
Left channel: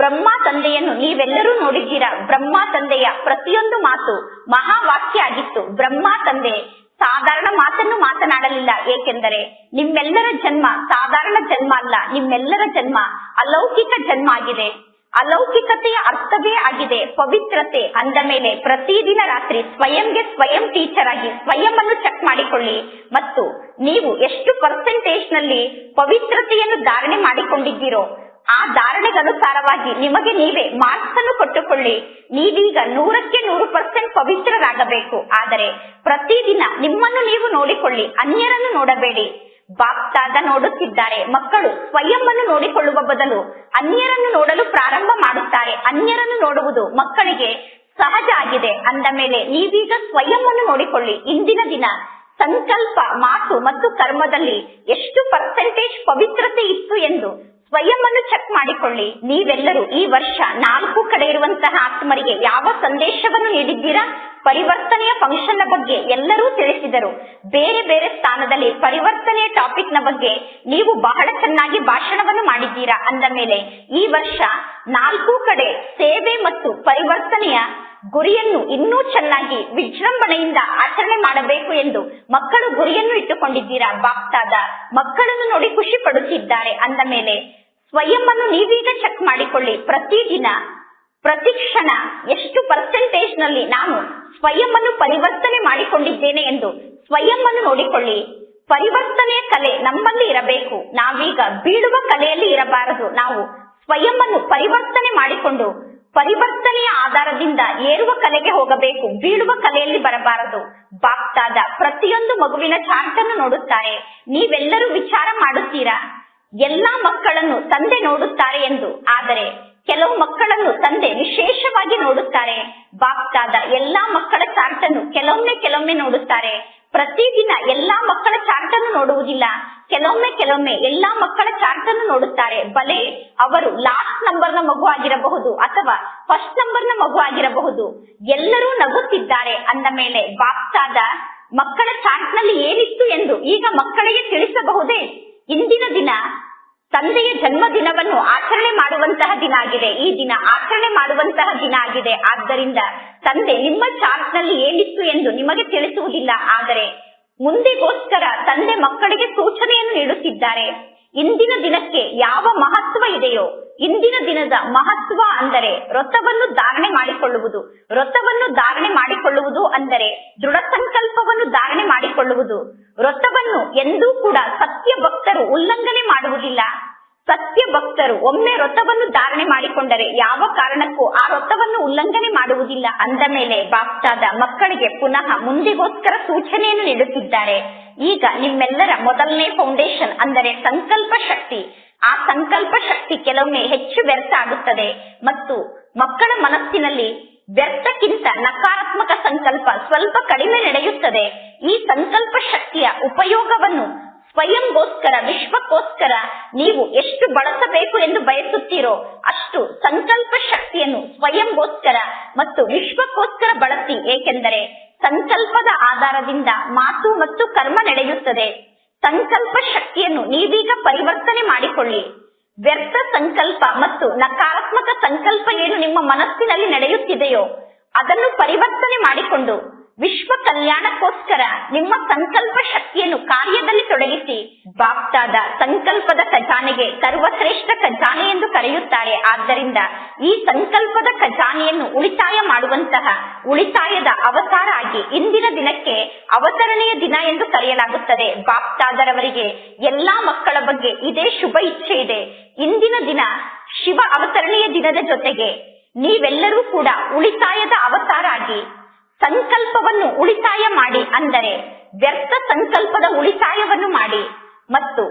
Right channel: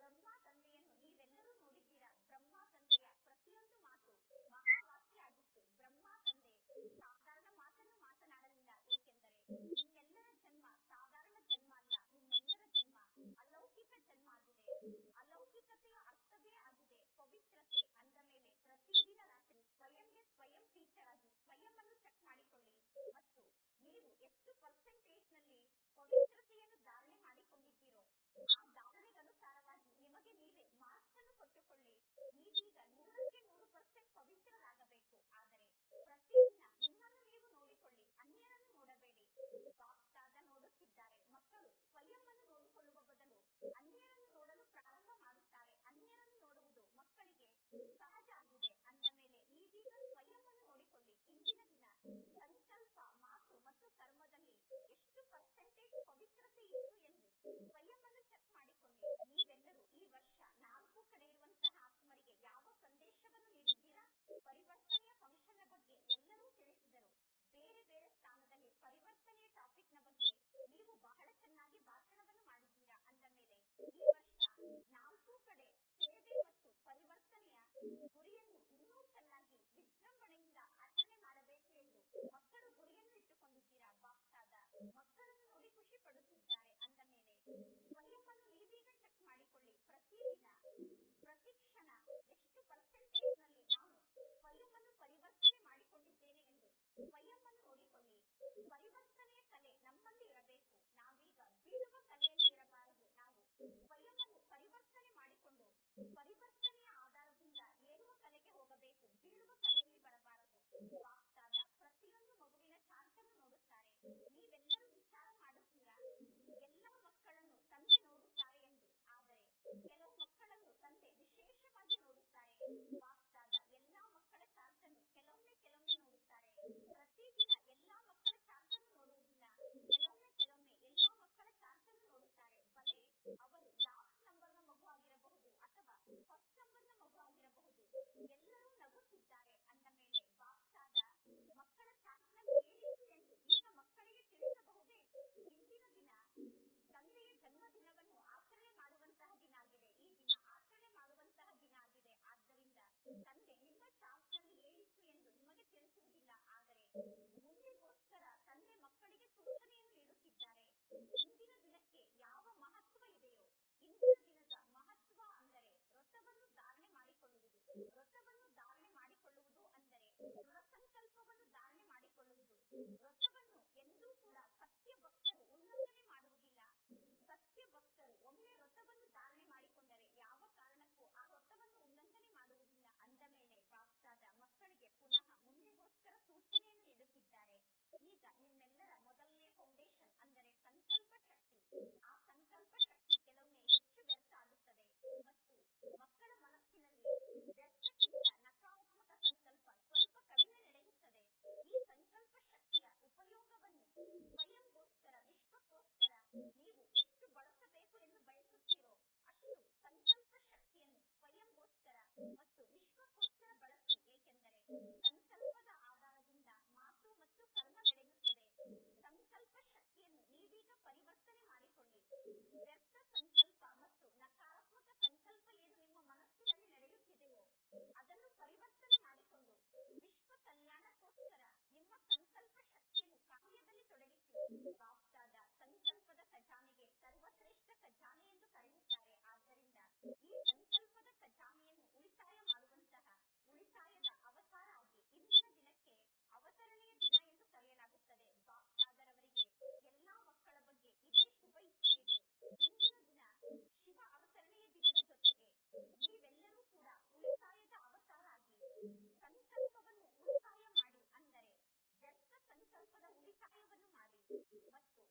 ಬ್ರಹ್ಮ ತಂದೆಯನ್ನು ನೀವೆಲ್ಲರೂ ನೋಡಿದ್ದೀರಾ. ಬ್ರಹ್ಮ ತಂದೆಯ ಪ್ರತಿಯೊಂದು ಮಾತು ಮಹಾವಾಕ್ಯ ಆಗಿತ್ತು. ಬ್ರಹ್ಮ ತಂದೆ ಸಾಧಾರಣ ಮಾತನ್ನು ಮಾತನಾಡಲಿಲ್ಲ. ಏಕೆಂದರೆ ನಿಮ್ಮೆಲ್ಲರ ಜನ್ಮ ಸಾಧಾರಣ ಜನ್ಮ ಅಲ್ಲ, ನಿಮ್ಮೆಲ್ಲರ ಜನ್ಮ ಅಲೌಕಿಕ ಜನ್ಮ ಆಗಿದೆ. ಅಲೌಕಿಕತೆಯ ಅರ್ಥವೇ ಆಗಿದೆ ಪವಿತ್ರತೆ. ಅಂದ ಮೇಲೆ ಪ್ರತಿದಿನ ರಾತ್ರಿ ಸ್ವಯಂಗೆ ಸ್ವಯಂ ಟೀಚರ್ ಆಗಿ ಸ್ವಯಂ ಅನ್ನು ಚೆಕ್ ಮಾಡಿಕೊಳ್ಳಿ ಮತ್ತು ನೀವು ಎಷ್ಟು ಪರ್ಸೆಂಟೇಜ್ ನಲ್ಲಿ ಪವಿತ್ರತೆಯನ್ನು ಧಾರಣೆ ಮಾಡಿಕೊಂಡಿದ್ದೀರೋ ಆ ಧಾರಣೆಗನುಸಾರವಾಗಿ ನಿಮಗೆ ನೀವೇ ಮಾರ್ಕ್ಸ್ ಅನ್ನು ಕೊಟ್ಟುಕೊಳ್ಳಿ. ನೀವೀಗ 100% ಪವಿತ್ರರಾಗಬೇಕು. ಆದರೆ ಪ್ರತಿದಿನ ನಿಮ್ಮನ್ನು ನೀವು ನೋಡಿಕೊಳ್ಳಿ, ಅನ್ಯರನ್ನು ನೋಡಬೇಡಿ. ಬಾಪ್ತಾದ ನೋಡುತ್ತಿದ್ದಾರೆ. ಮಕ್ಕಳು ಸ್ವಯಂ ಅನ್ನು ನೋಡಿಕೊಳ್ಳುವ ಬದಲು ಅನ್ಯರನ್ನು ನೋಡಲು ಪ್ರಾರಂಭ ಮಾಡುತ್ತಾರೆ. ಅನ್ಯರನ್ನು ನೋಡುವುದು ಮಕ್ಕಳಿಗೆ ಸಹಜ ಆಗಿದೆ. ಅಂದ ಮೇಲೆ ನೀವೀಗ ಸ್ವಯಂ ಅನ್ನು ನೋಡಿಕೊಳ್ಳಿ. ಇಂದಿನ ದಿನ ಸಂಕಲ್ಪ, ಮಾತು ಮತ್ತು ಕರ್ಮದಲ್ಲಿ ಎಷ್ಟು ಪರ್ಸೆಂಟೇಜ್ ಪವಿತ್ರತೆ ಇತ್ತು ಎಂದು ಸ್ವಯಂ ಅನ್ನು ಚೆಕ್ ಮಾಡಿಕೊಳ್ಳಿ. ನೀವೆಲ್ಲರೂ ಈ ವರ್ಷ 4 ಕಡೆ ಇರುವಂತಹ ಆತ್ಮರಿಗೆ ಯಾವ ಸಂದೇಶವನ್ನು ನೀಡಿದ್ದೀರಾ? ಪರಿವರ್ತನೆಯ ಫಂಕ್ಷನ್ ನ ಬಗ್ಗೆ ಎಲ್ಲರೂ ತಿಳಿಸಿದರು. ಬೇರೆ ಬೇರೆ ಸ್ಥಾನದಲ್ಲಿ ಪರಿವರ್ತನೆಯ ಟಾಪಿಕ್ ನ ಬಗ್ಗೆ ನೀವು ಬಹಳ ಚೆನ್ನಾಗಿ ಭಾಷಣವನ್ನು ಮಾಡಿದ್ದೀರಾ. ಅಂದ ಮೇಲೆ ಈ ವರ್ಷ 4 ಕಡೆ ಸೇವೆ ಮತ್ತು ಪರಿವರ್ತನೆಯ ಗುರಿಯನ್ನು ಇನ್ನೂ ಚೆನ್ನಾಗಿ ವಿಜೃಂಭಣೆಯಿಂದ ಆಚರಣೆ ಮಾಡಬೇಕು ಎಂದು ಮಕ್ಕಳು ಗುರಿಯನ್ನು ಇಟ್ಟುಕೊಂಡಿದ್ದೀರಾ. ಬಾಪ್ತಾದ ಮಕ್ಕಳನ್ನು ನೋಡಿ ಖುಷಿ ಪಡುತ್ತಿದ್ದಾರೆ. ಅಂದ ಮೇಲೆ ಸ್ವಯಂ ಅನ್ನು ನೀವೀಗ ಚೆಕ್ ಮಾಡಿಕೊಳ್ಳಿ. ಪ್ರತಿದಿನ ಪ್ರತಿ ಕ್ಷಣ ಎಷ್ಟು ಪರ್ಸೆಂಟೇಜ್ ನಲ್ಲಿ ನಾನು ಸ್ವಯಂ ಅನ್ನು ಪರಿವರ್ತನೆ ಮಾಡಿಕೊಂಡಿದ್ದೇನೆ ಎಂದು ಸ್ವಯಂ ಅನ್ನು ನೋಡಿಕೊಳ್ಳಿ. ಪರಿವರ್ತನೆಯ ಕಲೆ ನಮ್ಮಲ್ಲಿ ಇರಬೇಕು. ನಾವೀಗ ಬೀಳುವ ಕಲೆಯಲ್ಲಿ ಇರಬಾರದು. ನಾವು ಸ್ವಯಂ ಅನ್ನು ಪರಿವರ್ತನೆ ಮಾಡಿಕೊಂಡು ಪರಿವರ್ತನೆಯ ಆಧಾರದಿಂದ ಏರುವ ಕಲೆಗೆ ಹೋಗಬೇಕು. ಬೀಳುವ ಕಲೆಯಲ್ಲಿ ಬರಬಾರದು. ಬಾಪ್ತಾದ ಪ್ರತಿಯೊಂದು ಮಗುವಿನ ಚಾರ್ಟ್ ಅನ್ನು ನೋಡುತ್ತಾರೆ. ನೀವೆಲ್ಲರೂ ವಿಚಾರ ಮಾಡುತ್ತೀರಾ ಎಲ್ಲಾ ಮಕ್ಕಳನ್ನು ತಂದೆ ನೋಡುತ್ತಾರೆ ಎಂದು. ಆದರೆ ಕೆಲವು ಮಕ್ಕಳನ್ನು ತಂದೆ ವಿಶೇಷವಾಗಿ ನೋಡುತ್ತಾರೆ. ಬಾಪ್ತಾದ ಎಲ್ಲಾ ಮಕ್ಕಳ ಚಾರ್ಟ್ ಅನ್ನು ಕೆಲವೊಮ್ಮೆ ನೋಡುತ್ತಾರೆ. ಪ್ರತಿದಿನ ಎಲ್ಲಾ ಮಕ್ಕಳ ಚಾರ್ಟ್ ಅನ್ನು ನೋಡುವುದಿಲ್ಲ. ಕೆಲವೊಮ್ಮೆ ಎಲ್ಲಾ ಮಕ್ಕಳ ಚಾರ್ಟ್ ಅನ್ನು ನೋಡುತ್ತಾರೆ. ಬಲೆ ಅವರು ಲಾಸ್ಟ್ ನಂಬರ್ ನ ಮಗು ಆಗಿರಬಹುದು ಅಥವಾ ಫಸ್ಟ್ ನಂಬರ್ ನ ಮಗು ಆಗಿರಬಹುದು. ಎಲ್ಲರೂ ನಗುತ್ತಿದ್ದಾರೆ. ಅಂದ ಮೇಲೆ ಬಾಪ್ತಾದ ಮಕ್ಕಳ ಚಾರ್ಟ್ ನಲ್ಲಿ ಏನಿತ್ತು ಎಂದು ಈಗ ಮಕ್ಕಳಿಗೆ ತಿಳಿಸಬಹುದೇ? ಇಂದಿನ ದಿನ ತಂದೆಯ ಜನ್ಮ ದಿನವನ್ನು ಆಚರಣೆ ಮಾಡುವಂತಹ ದಿನ ಆಗಿದೆ. ಈ ದಿನ ಆಚರಣೆ ಮಾಡುವಂತಹ ದಿನ ಆಗಿದೆ. ಆದ್ದರಿಂದ ತಂದೆ ನಿಮ್ಮ ಚಾರ್ಟ್ ನಲ್ಲಿ ಏನಿತ್ತು ಎಂದು ನಿಮಗೆ ತಿಳಿಸುವುದಿಲ್ಲ. ಆದರೆ ಮುಂದೆಗೋಸ್ಕರ ತಂದೆ ಮಕ್ಕಳಿಗೆ ಸೂಚನೆಯನ್ನು ನೀಡುತ್ತಿದ್ದಾರೆ. ಇಂದಿನ ದಿನಕ್ಕೆ ಯಾವ ಮಹತ್ವ ಇದೆಯೋ, ಇಂದಿನ ದಿನದ ಮಹತ್ವ ಅಂದರೆ ವ್ರತವನ್ನು ಧಾರಣೆ ಮಾಡಿಕೊಳ್ಳುವುದು. ವ್ರತವನ್ನು ಧಾರಣೆ ಮಾಡಿಕೊಳ್ಳುವುದು ಅಂದರೆ ದೃಢ ಸಂಕಲ್ಪವನ್ನು ಧಾರಣೆ ಮಾಡಿಕೊಳ್ಳುವುದು. ವ್ರತವನ್ನು ಎಂದೂ ಕೂಡ ಸತ್ಯ ಭಕ್ತರು ಉಲ್ಲಂಘನೆ ಮಾಡುವುದಿಲ್ಲ. ಸತ್ಯ ಭಕ್ತರು ಭಕ್ತರು ಒಮ್ಮೆ ವ್ರತವನ್ನು ಧಾರಣೆ ಮಾಡಿಕೊಂಡರೆ ಯಾವ ಕಾರಣಕ್ಕೂ ಆ ವ್ರತವನ್ನು ಉಲ್ಲಂಘನೆ ಮಾಡುವುದಿಲ್ಲ. ಅಂದ ಮೇಲೆ ಬಾಪ್ತಾದ ಮಕ್ಕಳಿಗೆ ಪುನಃ ಮುಂದಿಗೋಸ್ಕರ ಸೂಚನೆಯನ್ನು ನೀಡುತ್ತಿದ್ದಾರೆ. ಈಗ ನಿಮ್ಮೆಲ್ಲರ ಮೊದಲನೇ ಫೌಂಡೇಶನ್ ಅಂದರೆ ಸಂಕಲ್ಪ ಶಕ್ತಿ. ಆ ಸಂಕಲ್ಪ ಶಕ್ತಿ ಕೆಲವೊಮ್ಮೆ ಹೆಚ್ಚು ವ್ಯರ್ಥ ಆಗುತ್ತದೆ ಮತ್ತು ಮಕ್ಕಳ ಮನಸ್ಸಿನಲ್ಲಿ ವ್ಯರ್ಥಕ್ಕಿಂತ ನಕಾರಾತ್ಮಕ ಸಂಕಲ್ಪ ಸ್ವಲ್ಪ ಕಡಿಮೆ ನಡೆಯುತ್ತದೆ. ಈ ಸಂಕಲ್ಪ ಶಕ್ತಿಯ ಉಪಯೋಗವನ್ನು ಸ್ವಯಂಗೋಸ್ಕರ, ವಿಶ್ವಕ್ಕೋಸ್ಕರ ನೀವು ಎಷ್ಟು ಬಳಸಬೇಕು ಎಂದು ಬಯಸುತ್ತೀರೋ ಅಷ್ಟು ಸಂಕಲ್ಪ ಶಕ್ತಿಯನ್ನು ಸ್ವಯಂಗೋಸ್ಕರ ಮತ್ತು ವಿಶ್ವಕ್ಕೋಸ್ಕರ ಬಳಸಿ. ಏಕೆಂದರೆ ಸಂಕಲ್ಪದ ಆಧಾರದಿಂದ ಮಾತು ಮತ್ತು ಕರ್ಮ ನಡೆಯುತ್ತದೆ. ಸಂಕಲ್ಪ ಶಕ್ತಿಯನ್ನು ನೀವೀಗ ಪರಿವರ್ತನೆ ಮಾಡಿಕೊಳ್ಳಿ. ವ್ಯರ್ಥ ಸಂಕಲ್ಪ ಮತ್ತು ನಕಾರಾತ್ಮಕ ಸಂಕಲ್ಪ ಏನು ನಿಮ್ಮ ಮನಸ್ಸಿನಲ್ಲಿ ನಡೆಯುತ್ತಿದೆಯೋ ಅದನ್ನು ಪರಿವರ್ತನೆ ಮಾಡಿಕೊಂಡು ವಿಶ್ವ ಕಲ್ಯಾಣಕ್ಕೋಸ್ಕರ ನಿಮ್ಮ ಸಂಕಲ್ಪ ಶಕ್ತಿಯನ್ನು ಕಾರ್ಯದಲ್ಲಿ ತೊಡಗಿಸಿ. ಬಾಪ್ತಾದ ಸಂಕಲ್ಪದ ಖಜಾನೆಗೆ ಸರ್ವಶ್ರೇಷ್ಠ ಖಜಾನೆ ಎಂದು ಕರೆಯುತ್ತಾರೆ. ಆದ್ದರಿಂದ ಈ ಸಂಕಲ್ಪದ ಖಜಾನೆಯನ್ನು ಉಳಿತಾಯ ಮಾಡುವಂತಹ ಉಳಿತಾಯದ ಅವತಾರ ಆಗಿ ಇಂದಿನ ದಿನಕ್ಕೆ ಅವತರಣೆಯ ದಿನ ಎಂದು ಕರೆಯಲಾಗುತ್ತದೆ. ಬಾಪ್ತಾದರವರಿಗೆ ಎಲ್ಲಾ ಮಕ್ಕಳ ಬಗ್ಗೆ ಇದೇ ಶುಭ ಇಚ್ಛೆ ಇದೆ. ಇಂದಿನ ದಿನ ಶಿವ ಅವತರಣೆಯ ದಿನದ ಜೊತೆಗೆ ನೀವೆಲ್ಲರೂ ಕೂಡ ಉಳಿತಾಯದ ಅವತಾರ ಆಗಿ ಸಂಕಲ್ಪವನ್ನು ಉಳಿತಾಯ ಮಾಡಿ, ಅಂದರೆ ವ್ಯರ್ಥ ಸಂಕಲ್ಪದ ಉಳಿತಾಯವನ್ನು ಮಾಡಿ ಮತ್ತು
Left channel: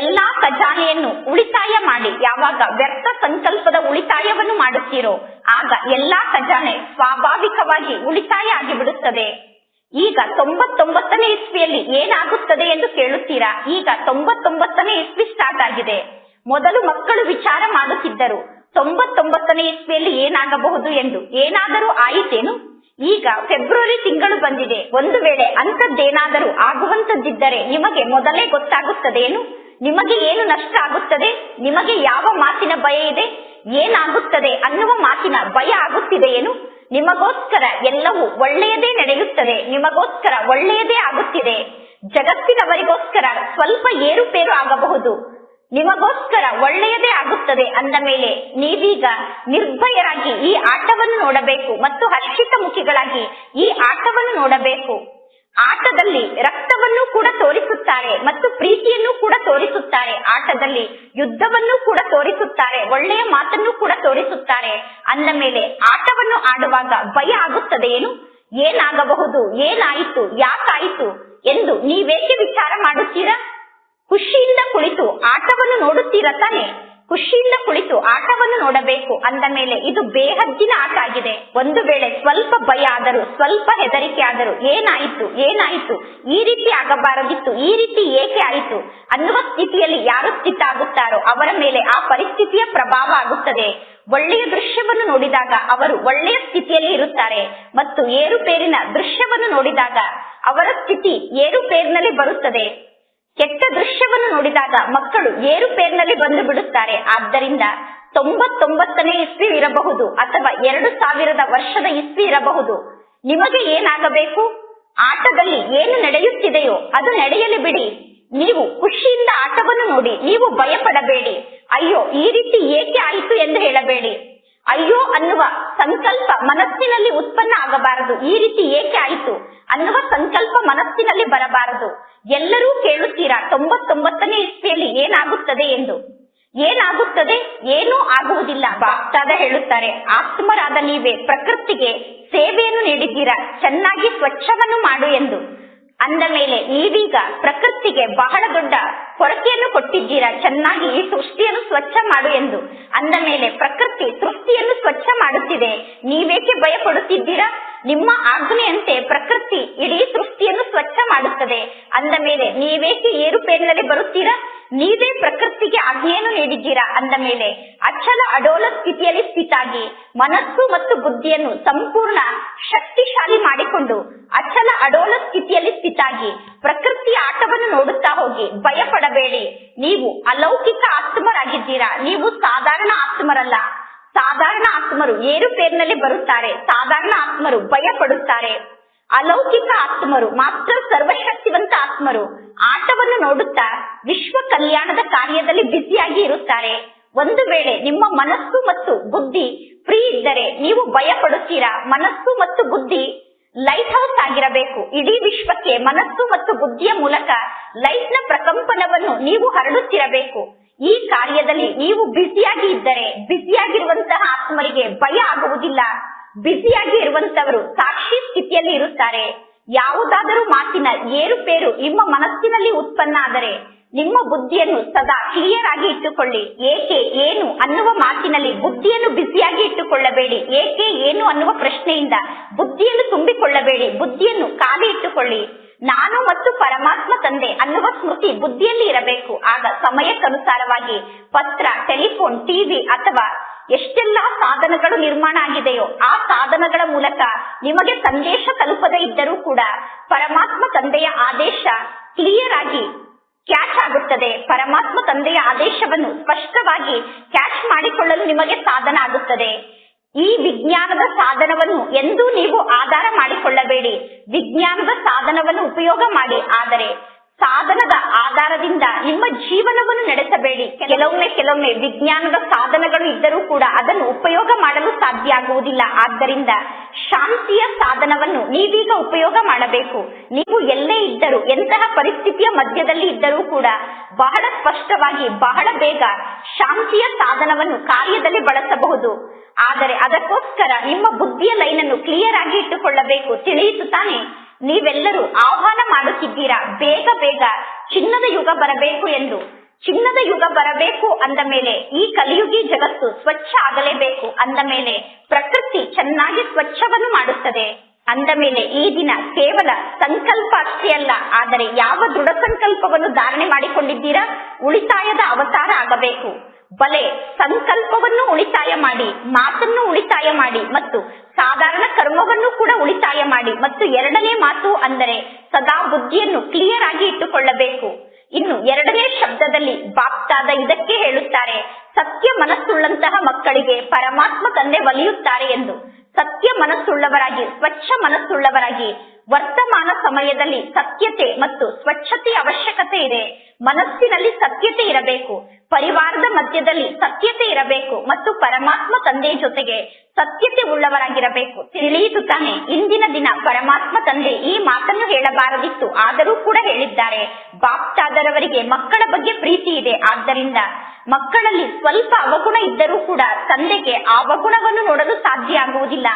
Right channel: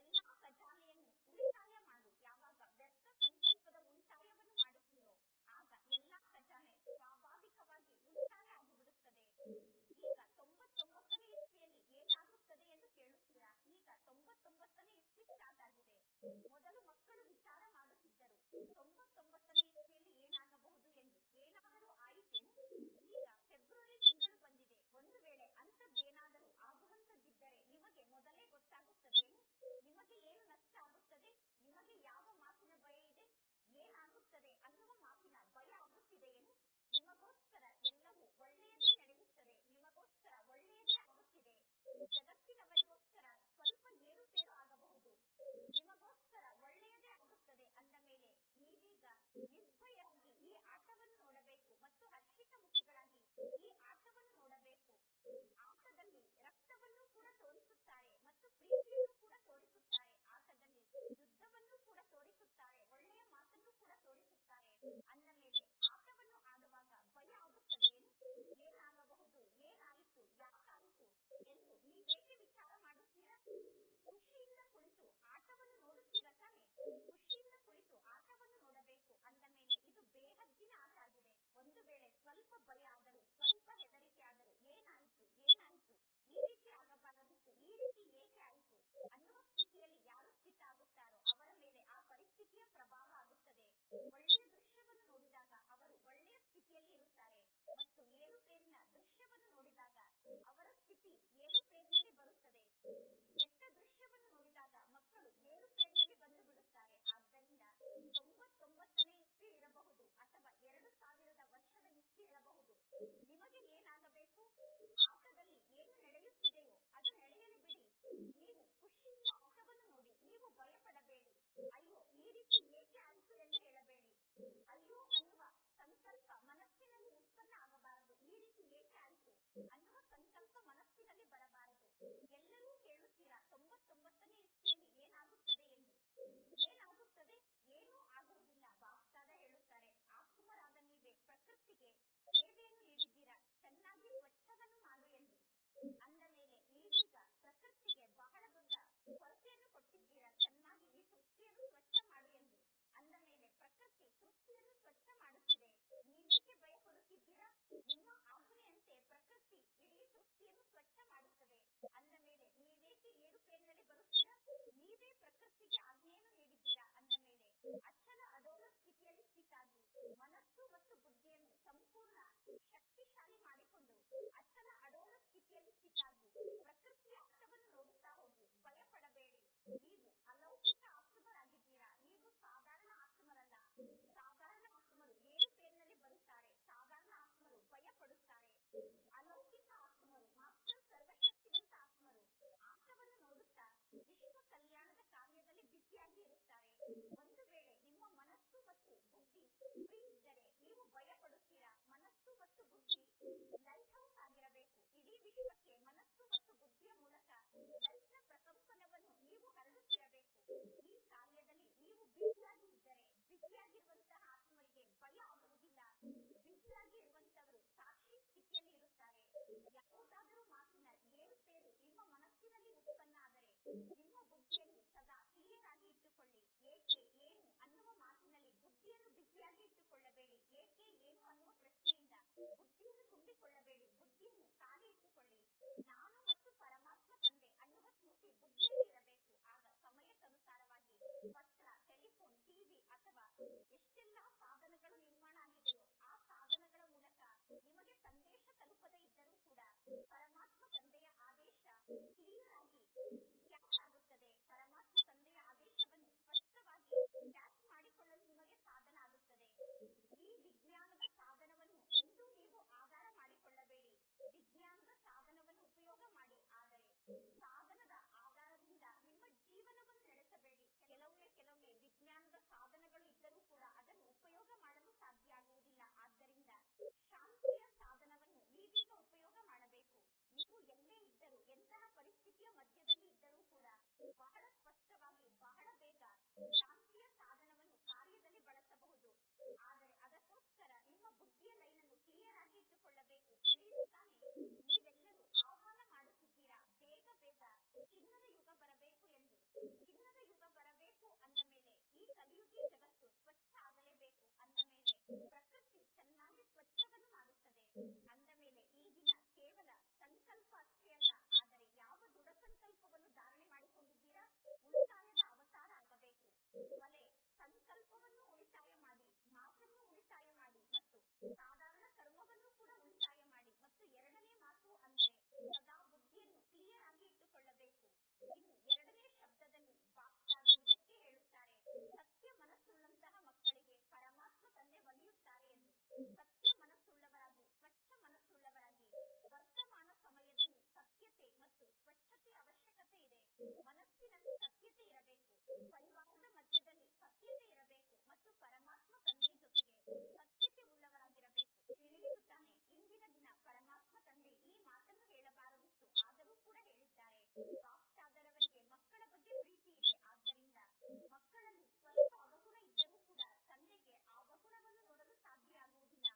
ಎಲ್ಲಾ ಖಜಾನೆಯನ್ನು ಉಳಿತಾಯ ಮಾಡಿ. ಯಾವಾಗ ವ್ಯರ್ಥ ಸಂಕಲ್ಪದ ಉಳಿತಾಯವನ್ನು ಮಾಡುತ್ತೀರೋ ಆಗ ಎಲ್ಲಾ ಖಜಾನೆ ಸ್ವಾಭಾವಿಕವಾಗಿ ಉಳಿತಾಯ ಆಗಿಬಿಡುತ್ತದೆ. ಈಗ 99ನೇ ಇಸ್ವಿಯಲ್ಲಿ ಏನಾಗುತ್ತದೆ ಎಂದು ಕೇಳುತ್ತೀರಾ? ಈಗ 99ನೇ ಇಸ್ವಿ ಸ್ಟಾರ್ಟ್ ಆಗಿದೆ. ಮೊದಲು ಮಕ್ಕಳು ವಿಚಾರ ಮಾಡುತ್ತಿದ್ದರು 99ನೇ ಇಸ್ವಿಯಲ್ಲಿ ಏನಾಗಬಹುದು ಎಂದು. ಏನಾದರೂ ಆಯಿತೇನು? ಈಗ ಫೆಬ್ರವರಿ ತಿಂಗಳು ಬಂದಿದೆ. ಒಂದು ವೇಳೆ ಅಂತದ್ದೇನಾದರೂ ಆಗುವಂತದ್ದಿದ್ದರೆ ನಿಮಗೆ ಮೊದಲೇ ಗೊತ್ತಾಗುತ್ತದೇನು? ನಿಮಗೆ ಏನು ನಷ್ಟ ಆಗುತ್ತದೆ? ನಿಮಗೆ ಯಾವ ಮಾತಿನ ಭಯ ಇದೆ? ಏನಾಗುತ್ತದೆ ಅನ್ನುವ ಮಾತಿನ ಭಯ ಆಗುತ್ತಿದೆಯೇನು? ನಿಮಗೋಸ್ಕರ ಎಲ್ಲವೂ ಒಳ್ಳೆಯದೇ ನಡೆಯುತ್ತದೆ. ನಿಮಗೋಸ್ಕರ ಒಳ್ಳೆಯದೇ ಆಗುತ್ತಿದೆ. ಜಗತ್ತಿನವರಿಗೋಸ್ಕರ ಸ್ವಲ್ಪ ಏರುಪೇರು ಆಗಬಹುದು, ನಿಮಗೋಸ್ಕರ ಒಳ್ಳೆಯದೇ ಆಗುತ್ತದೆ. ಅಂದ ಮೇಲೆ ನೀವೀಗ ನಿರ್ಭಯರಾಗಿ ಈ ಆಟವನ್ನು ನೋಡಬೇಕು ಮತ್ತು ಹರ್ಷಿತ ಮುಖಿಗಳಾಗಿ ಈ ಆಟವನ್ನು ನೋಡಬೇಕು. ಆಟದಲ್ಲಿ ರಕ್ತವನ್ನು ಕೂಡ ತೋರಿಸುತ್ತಾರೆ ಮತ್ತು ಪ್ರೀತಿಯನ್ನು ಕೂಡ ತೋರಿಸುತ್ತಾರೆ. ಆಟದಲ್ಲಿ ಯುದ್ಧವನ್ನು ಕೂಡ ತೋರಿಸುತ್ತಾರೆ, ಒಳ್ಳೆಯ ಮಾತನ್ನು ಕೂಡ ತೋರಿಸುತ್ತಾರೆ. ಅಂದ ಮೇಲೆ ಆಟವನ್ನು ಆಡುವಾಗ ಭಯ ಆಗುತ್ತದೆಯೇನು? ಏನಾಗಬಹುದು, ಏನಾಯಿತು, ಯಾಕಾಯಿತು ಎಂದು ನೀವೇಕೆ ವಿಚಾರ ಮಾಡುತ್ತೀರಾ? ಖುಷಿಯಿಂದ ಕುಳಿತು ಆಟವನ್ನು ನೋಡುತ್ತೀರ ತಾನೆ? ಖುಷಿಯಿಂದ ಕುಳಿತು ಆಟವನ್ನು ನೋಡಬೇಕು. ಅಂದ ಮೇಲೆ ಇದು ಬೇಹದ್ದಿನ ಆಟ ಆಗಿದೆ. ಒಂದು ವೇಳೆ ಸ್ವಲ್ಪ ಭಯ ಆದರೂ, ಸ್ವಲ್ಪ ಹೆದರಿಕೆ ಆದರೂ, ಏನಾಯಿತು, ಈ ರೀತಿ ಆಗಬಾರದಿತ್ತು, ಈ ರೀತಿ ಏಕೆ ಆಯಿತು ಅನ್ನುವ ಸ್ಥಿತಿಯಲ್ಲಿ ಯಾರು ಸ್ಥಿತ ಆಗುತ್ತಾರೋ ಅವರ ಮೇಲೆ ಆ ಪರಿಸ್ಥಿತಿಯ ಪ್ರಭಾವ ಆಗುತ್ತದೆ. ಒಳ್ಳೆಯ ದೃಶ್ಯವನ್ನು ನೋಡಿದಾಗ ಅವರು ಒಳ್ಳೆಯ ಸ್ಥಿತಿಯಲ್ಲಿ ಇರುತ್ತಾರೆ ಮತ್ತು ಏರುಪೇರಿನ ದೃಶ್ಯವನ್ನು ನೋಡಿದಾಗ ಅವರ ಸ್ಥಿತಿ ಏರುಪೇರಿನಲ್ಲಿ ಬರುತ್ತದೆ. ಕೆಟ್ಟ ದೃಶ್ಯವನ್ನು ನೋಡಿದಾಗ ಮಕ್ಕಳು ಏರುಪೇರಿನಲ್ಲಿ ಬಂದು ಬಿಡುತ್ತಾರೆ. ಆದ್ದರಿಂದ 99ನೇ ಇಸ್ವಿ ಇರಬಹುದು ಅಥವಾ 2000 ವರ್ಷದ ಇಸ್ವಿ ಇರಬಹುದು. ನಿಮಗೆ ಏನಾಗಬೇಕು? ಆಟದಲ್ಲಿ ಏನು ನಡೆಯುತ್ತಿದೆಯೋ ಅದು ನಡೆಯಲಿ ಬಿಡಿ. ನೀವು ಖುಷಿಯಿಂದ ಆಟವನ್ನು ನೋಡಿ. ನೀವು ಭಯ ಪಡಬೇಡಿ. ಅಯ್ಯೋ ಈ ರೀತಿ ಏಕೆ ಆಯಿತು ಎಂದು ಹೇಳಬೇಡಿ. ಅಯ್ಯೋ ಅನ್ನುವ ಸಂಕಲ್ಪ ಮನಸ್ಸಿನಲ್ಲಿ ಉತ್ಪನ್ನ ಆಗಬಾರದು. ಈ ರೀತಿ ಏಕೆ ಆಯಿತು ಅನ್ನುವ ಸಂಕಲ್ಪ ಮನಸ್ಸಿನಲ್ಲಿ ಬರಬಾರದು. ಎಲ್ಲರೂ ಕೇಳುತ್ತೀರಾ 99ನೇ ಇಸ್ವಿಯಲ್ಲಿ ಏನಾಗುತ್ತದೆ ಎಂದು. ಏನಾಗುತ್ತದೆ? ಏನೂ ಆಗುವುದಿಲ್ಲ. ಬಾಪ್ತಾದ ಹೇಳುತ್ತಾರೆ, ಆತ್ಮರಾದ ನೀವೇ ಪ್ರಕೃತಿಗೆ ಸೇವೆಯನ್ನು ನೀಡಿದ್ದೀರಾ, ಚೆನ್ನಾಗಿ ಸ್ವಚ್ಛವನ್ನು ಮಾಡು ಎಂದು. ಅಂದ ಮೇಲೆ ನೀವೀಗ ಪ್ರಕೃತಿಗೆ ಬಹಳ ದೊಡ್ಡ ಕೊರತೆಯನ್ನು ಕೊಟ್ಟಿದ್ದೀರಾ, ಚೆನ್ನಾಗಿ ಈ ಸೃಷ್ಟಿಯನ್ನು ಸ್ವಚ್ಛ ಮಾಡು ಎಂದು. ಅಂದ ಮೇಲೆ ಪ್ರಕೃತಿ ಸೃಷ್ಟಿಯನ್ನು ಸ್ವಚ್ಛ ಮಾಡುತ್ತಿದೆ. ನೀವೇಕೆ ಭಯ ಪಡುತ್ತಿದ್ದೀರಾ? ನಿಮ್ಮ ಆಜ್ಞೆಯಂತೆ ಪ್ರಕೃತಿ ಇಡೀ ಸೃಷ್ಟಿಯನ್ನು ಸ್ವಚ್ಛ ಮಾಡುತ್ತದೆ. ಅಂದ ಮೇಲೆ ನೀವೇಕೆ ಏರುಪೇರಿನಲ್ಲಿ ಬರುತ್ತೀರಾ? ನೀವೇ ಪ್ರಕೃತಿಗೆ ಆಜ್ಞೆಯನ್ನು ನೀಡಿದ್ದೀರಾ. ಅಂದ ಮೇಲೆ ಅಚಲ ಅಡೋಲ ಸ್ಥಿತಿಯಲ್ಲಿ ಸ್ಥಿತಾಗಿ ಮನಸ್ಸು ಮತ್ತು ಬುದ್ಧಿಯನ್ನು ಸಂಪೂರ್ಣ ಶಕ್ತಿಶಾಲಿ ಮಾಡಿಕೊಂಡು ಅಚಲ ಅಡೋಲ ಸ್ಥಿತಿಯಲ್ಲಿ ಸ್ಥಿತಾಗಿ ಪ್ರಕೃತಿಯ ಆಟವನ್ನು ನೋಡುತ್ತಾ ಹೋಗಿ. ಭಯ ಪಡಬೇಡಿ. ನೀವು ಅಲೌಕಿಕ ಆತ್ಮರಾಗಿದ್ದೀರಾ. ನೀವು ಸಾಧಾರಣ ಆತ್ಮರಲ್ಲ. ಸಾಧಾರಣ ಆತ್ಮರು ಏರುಪೇರಿನಲ್ಲಿ ಬರುತ್ತಾರೆ. ಸಾಧಾರಣ ಆತ್ಮರು ಭಯ ಪಡುತ್ತಾರೆ. ಅಲೌಕಿಕ ಆತ್ಮರು ಮಾತ್ರ ಸರ್ವಶಕ್ತಿವಂತ ಆತ್ಮರು ಆಟವನ್ನು ನೋಡುತ್ತಾ ವಿಶ್ವ ಕಲ್ಯಾಣದ ಕಾರ್ಯದಲ್ಲಿ ಬ್ಯುಸಿಯಾಗಿ ಇರುತ್ತಾರೆ. ಒಂದು ವೇಳೆ ನಿಮ್ಮ ಮನಸ್ಸು ಮತ್ತು ಬುದ್ಧಿ ಫ್ರೀ ಇದ್ದರೆ ನೀವು ಭಯ ಪಡುತ್ತೀರಾ. ಮನಸ್ಸು ಮತ್ತು ಬುದ್ಧಿ ಲೈಟ್ ಹೌಸ್ ಆಗಿರಬೇಕು. ಇಡೀ ವಿಶ್ವಕ್ಕೆ ಮನಸ್ಸು ಮತ್ತು ಬುದ್ಧಿಯ ಮೂಲಕ ಲೈಟ್ ನ ಪ್ರಕಂಪನವನ್ನು ನೀವು ಹರಡುತ್ತಿರಬೇಕು. ಈ ಕಾರ್ಯದಲ್ಲಿ ನೀವು ಬ್ಯುಸಿಯಾಗಿ ಇದ್ದರೆ ಬ್ಯುಸಿಯಾಗಿರುವಂತಹ ಆತ್ಮರಿಗೆ ಭಯ ಆಗುವುದಿಲ್ಲ. ಬ್ಯುಸಿಯಾಗಿ ಇರುವಂತವರು ಸಾಕ್ಷಿ ಸ್ಥಿತಿಯಲ್ಲಿ ಇರುತ್ತಾರೆ. ಯಾವುದಾದರೂ ಮಾತಿನ ಏರುಪೇರು ನಿಮ್ಮ ಮನಸ್ಸಿನಲ್ಲಿ ಉತ್ಪನ್ನ ಆದರೆ ನಿಮ್ಮ ಬುದ್ಧಿಯನ್ನು ಸದಾ ಕ್ಲಿಯರ್ ಆಗಿ ಇಟ್ಟುಕೊಳ್ಳಿ. ಏಕೆ ಏನು ಅನ್ನುವ ಮಾತಿನಲ್ಲಿ ಬುದ್ಧಿಯನ್ನು ಬ್ಯುಸಿಯಾಗಿ ಇಟ್ಟುಕೊಳ್ಳಬೇಡಿ. ಏಕೆ ಏನು ಅನ್ನುವ ಪ್ರಶ್ನೆಯಿಂದ ಬುದ್ಧಿಯನ್ನು ತುಂಬಿಕೊಳ್ಳಬೇಡಿ. ಬುದ್ಧಿಯನ್ನು ಖಾಲಿ ಇಟ್ಟುಕೊಳ್ಳಿ. ನಾನು ಮತ್ತು ಪರಮಾತ್ಮ ತಂದೆ ಅನ್ನುವ ಸ್ಮೃತಿ ಬುದ್ಧಿಯಲ್ಲಿ ಇರಬೇಕು. ಆಗ ಸಮಯಕ್ಕನುಸಾರವಾಗಿ ಪತ್ರ, ಟೆಲಿಫೋನ್, ಟಿವಿ ಅಥವಾ ಎಷ್ಟೆಲ್ಲಾ ಸಾಧನಗಳು ನಿರ್ಮಾಣ ಆಗಿದೆಯೋ ಆ ಸಾಧನಗಳ ಮೂಲಕ ನಿಮಗೆ ಸಂದೇಶ ತಲುಪದೇ ಇದ್ದರೂ ಕೂಡ ಪರಮಾತ್ಮ ತಂದೆಯ ಆದೇಶ ಕ್ಲಿಯರ್ ಆಗಿ ಕ್ಯಾಚ್ ಆಗುತ್ತದೆ. ಪರಮಾತ್ಮ ತಂದೆಯ ಆದೇಶವನ್ನು ಸ್ಪಷ್ಟವಾಗಿ ಕ್ಯಾಚ್ ಮಾಡಿಕೊಳ್ಳಲು ನಿಮಗೆ ಸಾಧನ ಆಗುತ್ತದೆ. ಈ ವಿಜ್ಞಾನದ ಸಾಧನವನ್ನು ಎಂದೂ ನೀವು ಆಧಾರ ಮಾಡಿಕೊಳ್ಳಬೇಡಿ. ವಿಜ್ಞಾನದ ಸಾಧನವನ್ನು ಉಪಯೋಗ ಮಾಡಿ, ಆದರೆ ಸಾಧನದ ಆಧಾರದಿಂದ ನಿಮ್ಮ ಜೀವನವನ್ನು ನಡೆಸಬೇಡಿ. ಕೆಲವೊಮ್ಮೆ ವಿಜ್ಞಾನದ ಸಾಧನಗಳು ಇದ್ದರೂ ಕೂಡ ಅದನ್ನು ಉಪಯೋಗ ಮಾಡಲು ಸಾಧ್ಯ ಆಗುವುದಿಲ್ಲ. ಆದ್ದರಿಂದ ಶಾಂತಿಯ ಸಾಧನವನ್ನು ನೀವೀಗ ಉಪಯೋಗ ಮಾಡಬೇಕು. ನೀವು ಎಲ್ಲೇ ಇದ್ದರೂ, ಎಂತಹ ಪರಿಸ್ಥಿತಿಯ ಮಧ್ಯದಲ್ಲಿ ಇದ್ದರೂ ಕೂಡ ಬಹಳ ಸ್ಪಷ್ಟವಾಗಿ ಬಹಳ ಬೇಗ ಶಾಂತಿಯ ಸಾಧನವನ್ನು ಕಾರ್ಯದಲ್ಲಿ ಬಳಸಬಹುದು. ಆದರೆ ಅದಕ್ಕೋಸ್ಕರ ನಿಮ್ಮ ಬುದ್ಧಿಯ ಲೈನನ್ನು ಕ್ಲಿಯರ್ ಆಗಿ ಇಟ್ಟುಕೊಳ್ಳಬೇಕು. ತಿಳಿಯಿತು ತಾನೆ? ನೀವೆಲ್ಲರೂ ಆಹ್ವಾನ ಮಾಡುತ್ತಿದ್ದೀರಾ ಬೇಗ ಬೇಗ ಚಿನ್ನದ ಯುಗ ಬರಬೇಕು ಎಂದು. ಚಿನ್ನದ ಯುಗ ಬರಬೇಕು ಅಂದ ಮೇಲೆ ಈ ಕಲಿಯುಗಿ ಜಗತ್ತು ಸ್ವಚ್ಛ ಆಗಲೇಬೇಕು. ಅಂದ ಮೇಲೆ ಪ್ರಕೃತಿ ಚೆನ್ನಾಗಿ ಸ್ವಚ್ಛವನ್ನು ಮಾಡುತ್ತದೆ. ಅಂದ ಮೇಲೆ ಈ ದಿನ ಕೇವಲ ಸಂಕಲ್ಪ ಅಷ್ಟೇ ಅಲ್ಲ, ಆದರೆ ಯಾವ ದೃಢ ಸಂಕಲ್ಪವನ್ನು ಧಾರಣೆ ಮಾಡಿಕೊಂಡಿದ್ದೀರಾ? ಉಳಿತಾಯದ ಅವತಾರ ಆಗಬೇಕು. ಬಲೆ ಸಂಕಲ್ಪವನ್ನು ಉಳಿತಾಯ ಮಾಡಿ, ಮಾತನ್ನು ಉಳಿತಾಯ ಮಾಡಿ ಮತ್ತು ಸಾಧಾರಣ ಕರ್ಮವನ್ನು ಕೂಡ ಉಳಿತಾಯ ಮಾಡಿ. ಮತ್ತು ಎರಡನೇ ಮಾತು ಅಂದರೆ ಸದಾ ಬುದ್ಧಿಯನ್ನು ಕ್ಲಿಯರ್ ಆಗಿ ಇಟ್ಟುಕೊಳ್ಳಬೇಕು. ಇನ್ನು ಎರಡನೇ ಶಬ್ದದಲ್ಲಿ ಬಾಪ್ತಾದ ಇದಕ್ಕೆ ಹೇಳುತ್ತಾರೆ, ಸತ್ಯ ಮನಸ್ಸುಳ್ಳಂತಹ ಮಕ್ಕಳಿಗೆ ಪರಮಾತ್ಮ ತಂದೆ ಒಲಿಯುತ್ತಾರೆ ಎಂದು. ಸತ್ಯ ಮನಸ್ಸುಳ್ಳವರಾಗಿ, ಸ್ವಚ್ಛ ಮನಸ್ಸುಳ್ಳವರಾಗಿ, ವರ್ತಮಾನ ಸಮಯದಲ್ಲಿ ಸತ್ಯತೆ ಮತ್ತು ಸ್ವಚ್ಛತೆಯ ಅವಶ್ಯಕತೆ ಇದೆ. ಮನಸ್ಸಿನಲ್ಲಿ ಸತ್ಯತೆ ಇರಬೇಕು, ಪರಿವಾರದ ಮಧ್ಯದಲ್ಲಿ ಸತ್ಯತೆ ಇರಬೇಕು ಮತ್ತು ಪರಮಾತ್ಮ ತಂದೆಯ ಜೊತೆಗೆ ಸತ್ಯತೆ ಉಳ್ಳವರಾಗಿರಬೇಕು. ತಿಳಿಯಿತು ತಾನೆ? ಇಂದಿನ ದಿನ ಪರಮಾತ್ಮ ತಂದೆ ಈ ಮಾತನ್ನು ಹೇಳಬಾರದಿತ್ತು, ಆದರೂ ಕೂಡ ಹೇಳಿದ್ದಾರೆ. ಬಾಪ್ತಾದರವರಿಗೆ ಮಕ್ಕಳ ಬಗ್ಗೆ ಪ್ರೀತಿ ಇದೆ. ಆದ್ದರಿಂದ ಮಕ್ಕಳಲ್ಲಿ ಸ್ವಲ್ಪ ಅವಗುಣ ಇದ್ದರೂ ಕೂಡ ತಂದೆಗೆ ಆ ಅವಗುಣವನ್ನು ನೋಡಲು ಸಾಧ್ಯ ಆಗುವುದಿಲ್ಲ.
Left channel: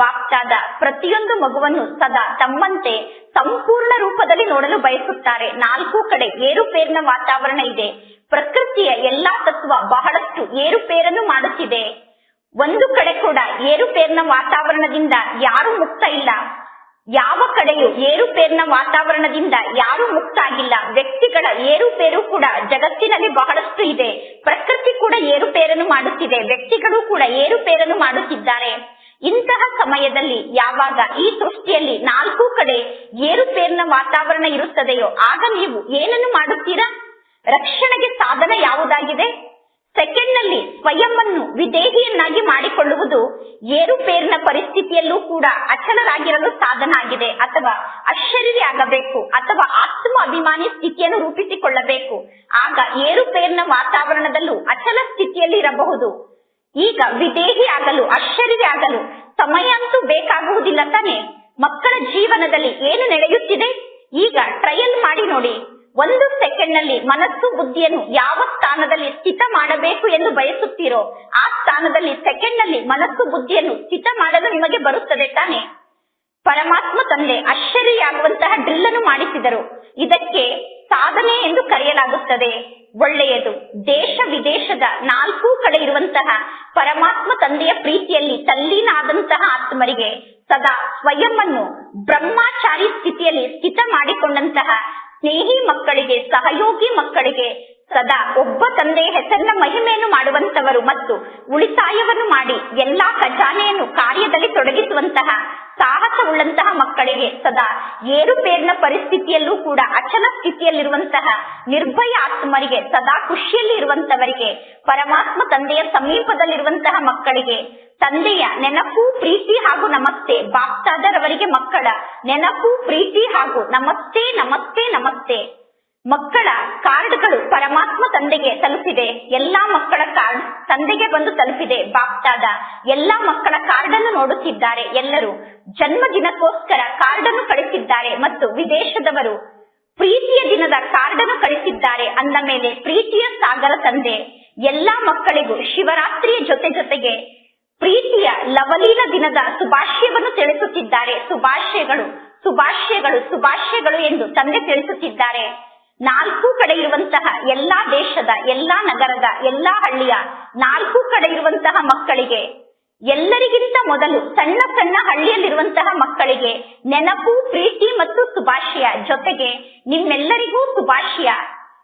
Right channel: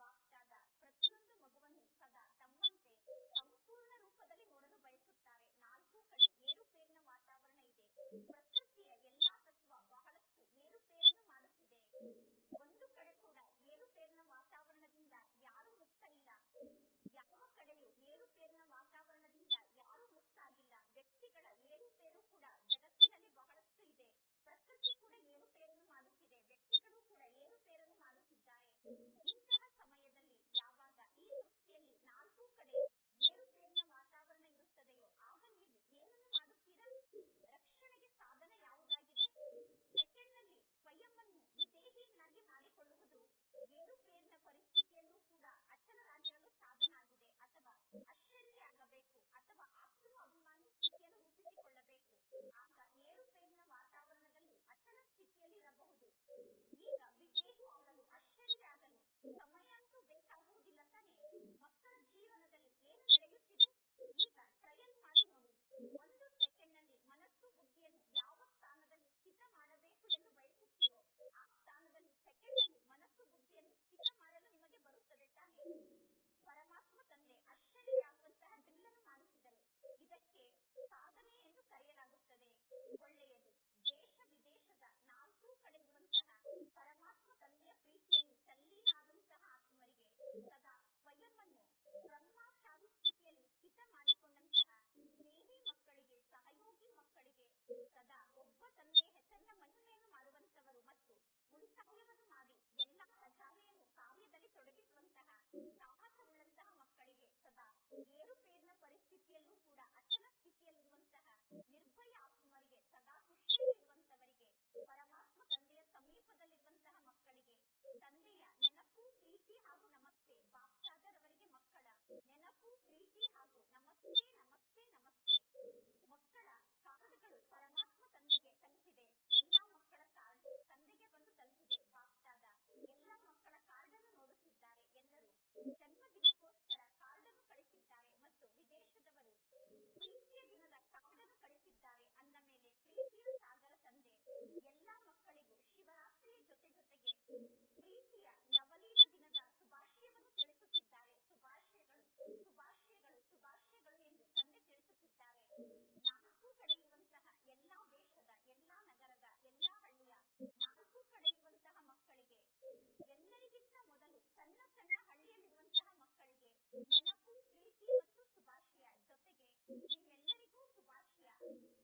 ಬಾಪ್ತಾದ ಪ್ರತಿಯೊಂದು ಮಗುವನ್ನು ಸದಾ ತಮ್ಮಂತೆ ಸಂಪೂರ್ಣ ರೂಪದಲ್ಲಿ ನೋಡಲು ಬಯಸುತ್ತಾರೆ. ನಾಲ್ಕು ಕಡೆ ಏರುಪೇರಿನ ವಾತಾವರಣ ಇದೆ. ಪ್ರಕೃತಿಯ ಎಲ್ಲಾ ತತ್ವ ಬಹಳಷ್ಟು ಏರುಪೇರನ್ನು ಮಾಡುತ್ತಿದೆ. ಒಂದು ಕಡೆ ಕೂಡ ಏರುಪೇರಿನ ವಾತಾವರಣದಿಂದ ಯಾರು ಮುಕ್ತ ಇಲ್ಲ. ಯಾವ ಕಡೆಯೂ ಏರುಪೇರಿನ ವಾತಾವರಣದಿಂದ ಯಾರು ಮುಕ್ತ ಆಗಿಲ್ಲ. ವ್ಯಕ್ತಿಗಳ ಏರುಪೇರು ಕೂಡ ಜಗತ್ತಿನಲ್ಲಿ ಬಹಳಷ್ಟು ಇದೆ. ಪ್ರಕೃತಿ ಕೂಡ ಏರುಪೇರನ್ನು ಮಾಡುತ್ತಿದೆ, ವ್ಯಕ್ತಿಗಳು ಕೂಡ ಏರುಪೇರನ್ನು ಮಾಡುತ್ತಿದ್ದಾರೆ. ಇಂತಹ ಸಮಯದಲ್ಲಿ ಯಾವಾಗ ಈ ಸೃಷ್ಟಿಯಲ್ಲಿ ನಾಲ್ಕು ಕಡೆ ಏರುಪೇರಿನ ವಾತಾವರಣ ಇರುತ್ತದೆಯೋ ಆಗ ನೀವು ಏನನ್ನು ಮಾಡುತ್ತೀರಾ? ರಕ್ಷಣೆಗೆ ಸಾಧನ ಯಾವುದಾಗಿದೆ? ಸೆಕೆಂಡ್ ನಲ್ಲಿ ಸ್ವಯಂವನ್ನು ವಿದೇಹಿಯನ್ನಾಗಿ ಮಾಡಿಕೊಳ್ಳುವುದು ಏರುಪೇರಿನ ಪರಿಸ್ಥಿತಿಯಲ್ಲೂ ಕೂಡ ಅಚಲರಾಗಿರಲು ಸಾಧನ ಆಗಿದೆ. ಅಥವಾ ಅಶರೀರಿ ಆಗಬೇಕು ಅಥವಾ ಆತ್ಮ ಅಭಿಮಾನಿ ಸ್ಥಿತಿಯನ್ನು ರೂಪಿಸಿಕೊಳ್ಳಬೇಕು. ಆಗ ಏರುಪೇರಿನ ವಾತಾವರಣದಲ್ಲೂ ಅಚಲ ಸ್ಥಿತಿಯಲ್ಲಿ ಇರಬಹುದು. ಈಗ ವಿದೇಹಿ ಆಗಲು, ಅಶರೀರಿ ಆಗಲು ಸಮಯ ಅಂತೂ ಬೇಕಾಗುವುದಿಲ್ಲ ತಾನೆ? ಮಕ್ಕಳ ಜೀವನದಲ್ಲಿ ಏನು ನಡೆಯುತ್ತಿದೆ ಈಗ ಟ್ರಯಲ್ ಮಾಡಿ ನೋಡಿ. ಒಂದು ಸೆಕೆಂಡ್ ನಲ್ಲಿ ಮನಸ್ಸು ಬುದ್ಧಿಯನ್ನು ಯಾವ ಸ್ಥಾನದಲ್ಲಿ ಸ್ಥಿತ ಮಾಡಬೇಕು ಎಂದು ಬಯಸುತ್ತೀರೋ ಆ ಸ್ಥಾನದಲ್ಲಿ ಸೆಕೆಂಡ್ ನಲ್ಲಿ ಮನಸ್ಸು ಬುದ್ಧಿಯನ್ನು ಸ್ಥಿತ ಮಾಡಲು ನಿಮಗೆ ಬರುತ್ತದೆ ತಾನೆ? ಪರಮಾತ್ಮ ತಂದೆ ಆಶ್ಚರ್ಯಾಗುವಂತಹ ಡ್ರಿಲ್ ಅನ್ನು ಮಾಡಿಸಿದರು. ಇದಕ್ಕೆ ಸಾಧನೆ ಎಂದು ಕರೆಯಲಾಗುತ್ತದೆ. ಒಳ್ಳೆಯದು. ದೇಶ ವಿದೇಶದ ನಾಲ್ಕು ಕಡೆ ಇರುವಂತಹ ಪರಮಾತ್ಮ ತಂದೆಯ ಪ್ರೀತಿಯಲ್ಲಿ ತಲ್ಲೀನಾದಂತಹ ಆತ್ಮರಿಗೆ ಸದಾ ಸ್ವಯಂವನ್ನು ಬ್ರಹ್ಮಚಾರಿ ಸ್ಥಿತಿಯಲ್ಲಿ ಸ್ಥಿತ ಮಾಡಿಕೊಂಡಂತಹ ಸ್ನೇಹಿ ಮಕ್ಕಳಿಗೆ, ಸಹಯೋಗಿ ಮಕ್ಕಳಿಗೆ ಸದಾ ಒಬ್ಬ ತಂದೆಯ ಹೆಸರಿನ ಮಹಿಮೆಯನ್ನು ಮಾಡುವಂತವರು ಮತ್ತು ಉಳಿತಾಯವನ್ನು ಮಾಡಿ ಎಲ್ಲಾ ಖಜಾನೆಯನ್ನು ಕಾರ್ಯದಲ್ಲಿ ತೊಡಗಿಸುವಂತಹ ಸಾಹಸವುಳ್ಳಂತಹ ಮಕ್ಕಳಿಗೆ ಸದಾ ಏರುಪೇರಿನ ಪರಿಸ್ಥಿತಿಯಲ್ಲೂ ಕೂಡ ಅಚಲ ಸ್ಥಿತಿಯಲ್ಲಿರುವಂತಹ ನಿರ್ಭಯ ಆತ್ಮರಿಗೆ, ಸದಾ ಖುಷಿಯಲ್ಲಿ ಇರುವಂತವರಿಗೆ, ಪರಮಾತ್ಮ ತಂದೆಯ ಸಮೀಪದಲ್ಲಿರುವಂತಹ ಮಕ್ಕಳಿಗೆ ತಂದೆಯ ನೆನಪು, ಪ್ರೀತಿ ಹಾಗೂ ನಮಸ್ತೆ. ಬಾಪ್ತಾದರವರಿಗೆ ಮಕ್ಕಳ ನೆನಪು, ಪ್ರೀತಿ ಹಾಗೂ ನಮಸ್ತೆ ನಮಸ್ತೆ ನಮಸ್ತೆ. ಮಕ್ಕಳ ಕಾರ್ಡ್ಗಳು ಪರಮಾತ್ಮ ತಂದೆಗೆ ತಲುಪಿದೆ. ಎಲ್ಲಾ ಮಕ್ಕಳ ಕಾರ್ಡ್ ತಂದೆಗೆ ಬಂದು ತಲುಪಿದೆ. ಬಾಪ್ತಾದ ಎಲ್ಲಾ ಮಕ್ಕಳ ಕಾರ್ಡ್ ಅನ್ನು ನೋಡುತ್ತಿದ್ದಾರೆ. ಎಲ್ಲರೂ ಜನ್ಮದಿನಕ್ಕೋಸ್ಕರ ಕಾರ್ಡ್ ಅನ್ನು ಕಳಿಸಿದ್ದಾರೆ ಮತ್ತು ವಿದೇಶದವರು ಪ್ರೀತಿಯ ದಿನದ ಕಾರ್ಡನ್ನು ಕಳಿಸಿದ್ದಾರೆ ಅಂದ ಮೇಲೆ ಪ್ರೀತಿಯ ಸಾಗರ ತಂದೆ ಎಲ್ಲಾ ಮಕ್ಕಳಿಗೂ ಶಿವರಾತ್ರಿಯ ಜೊತೆಗೆ ಪ್ರೀತಿಯ ಲವಲೀಲ ದಿನದ ಶುಭಾಶಯವನ್ನು ತಿಳಿಸುತ್ತಿದ್ದಾರೆ. ಶುಭಾಶಯಗಳು ಶುಭಾಶಯಗಳು ಶುಭಾಶಯಗಳು ಎಂದು ತಂದೆ ತಿಳಿಸುತ್ತಿದ್ದಾರೆ. 4 ಕಡೆ ಇರುವಂತಹ ಎಲ್ಲಾ ದೇಶದ, ಎಲ್ಲಾ ನಗರದ, ಎಲ್ಲಾ ಹಳ್ಳಿಯ 4 ಕಡೆ ಇರುವಂತಹ ಮಕ್ಕಳಿಗೆ, ಎಲ್ಲರಿಗಿಂತ ಮೊದಲು ಸಣ್ಣ ಸಣ್ಣ ಹಳ್ಳಿಯಲ್ಲಿರುವಂತಹ ಮಕ್ಕಳಿಗೆ ನೆನಪು, ಪ್ರೀತಿ ಮತ್ತು ಶುಭಾಶಯ. ಜೊತೆಗೆ ನಿಮ್ಮೆಲ್ಲರಿಗೂ ಶುಭಾಶಯ.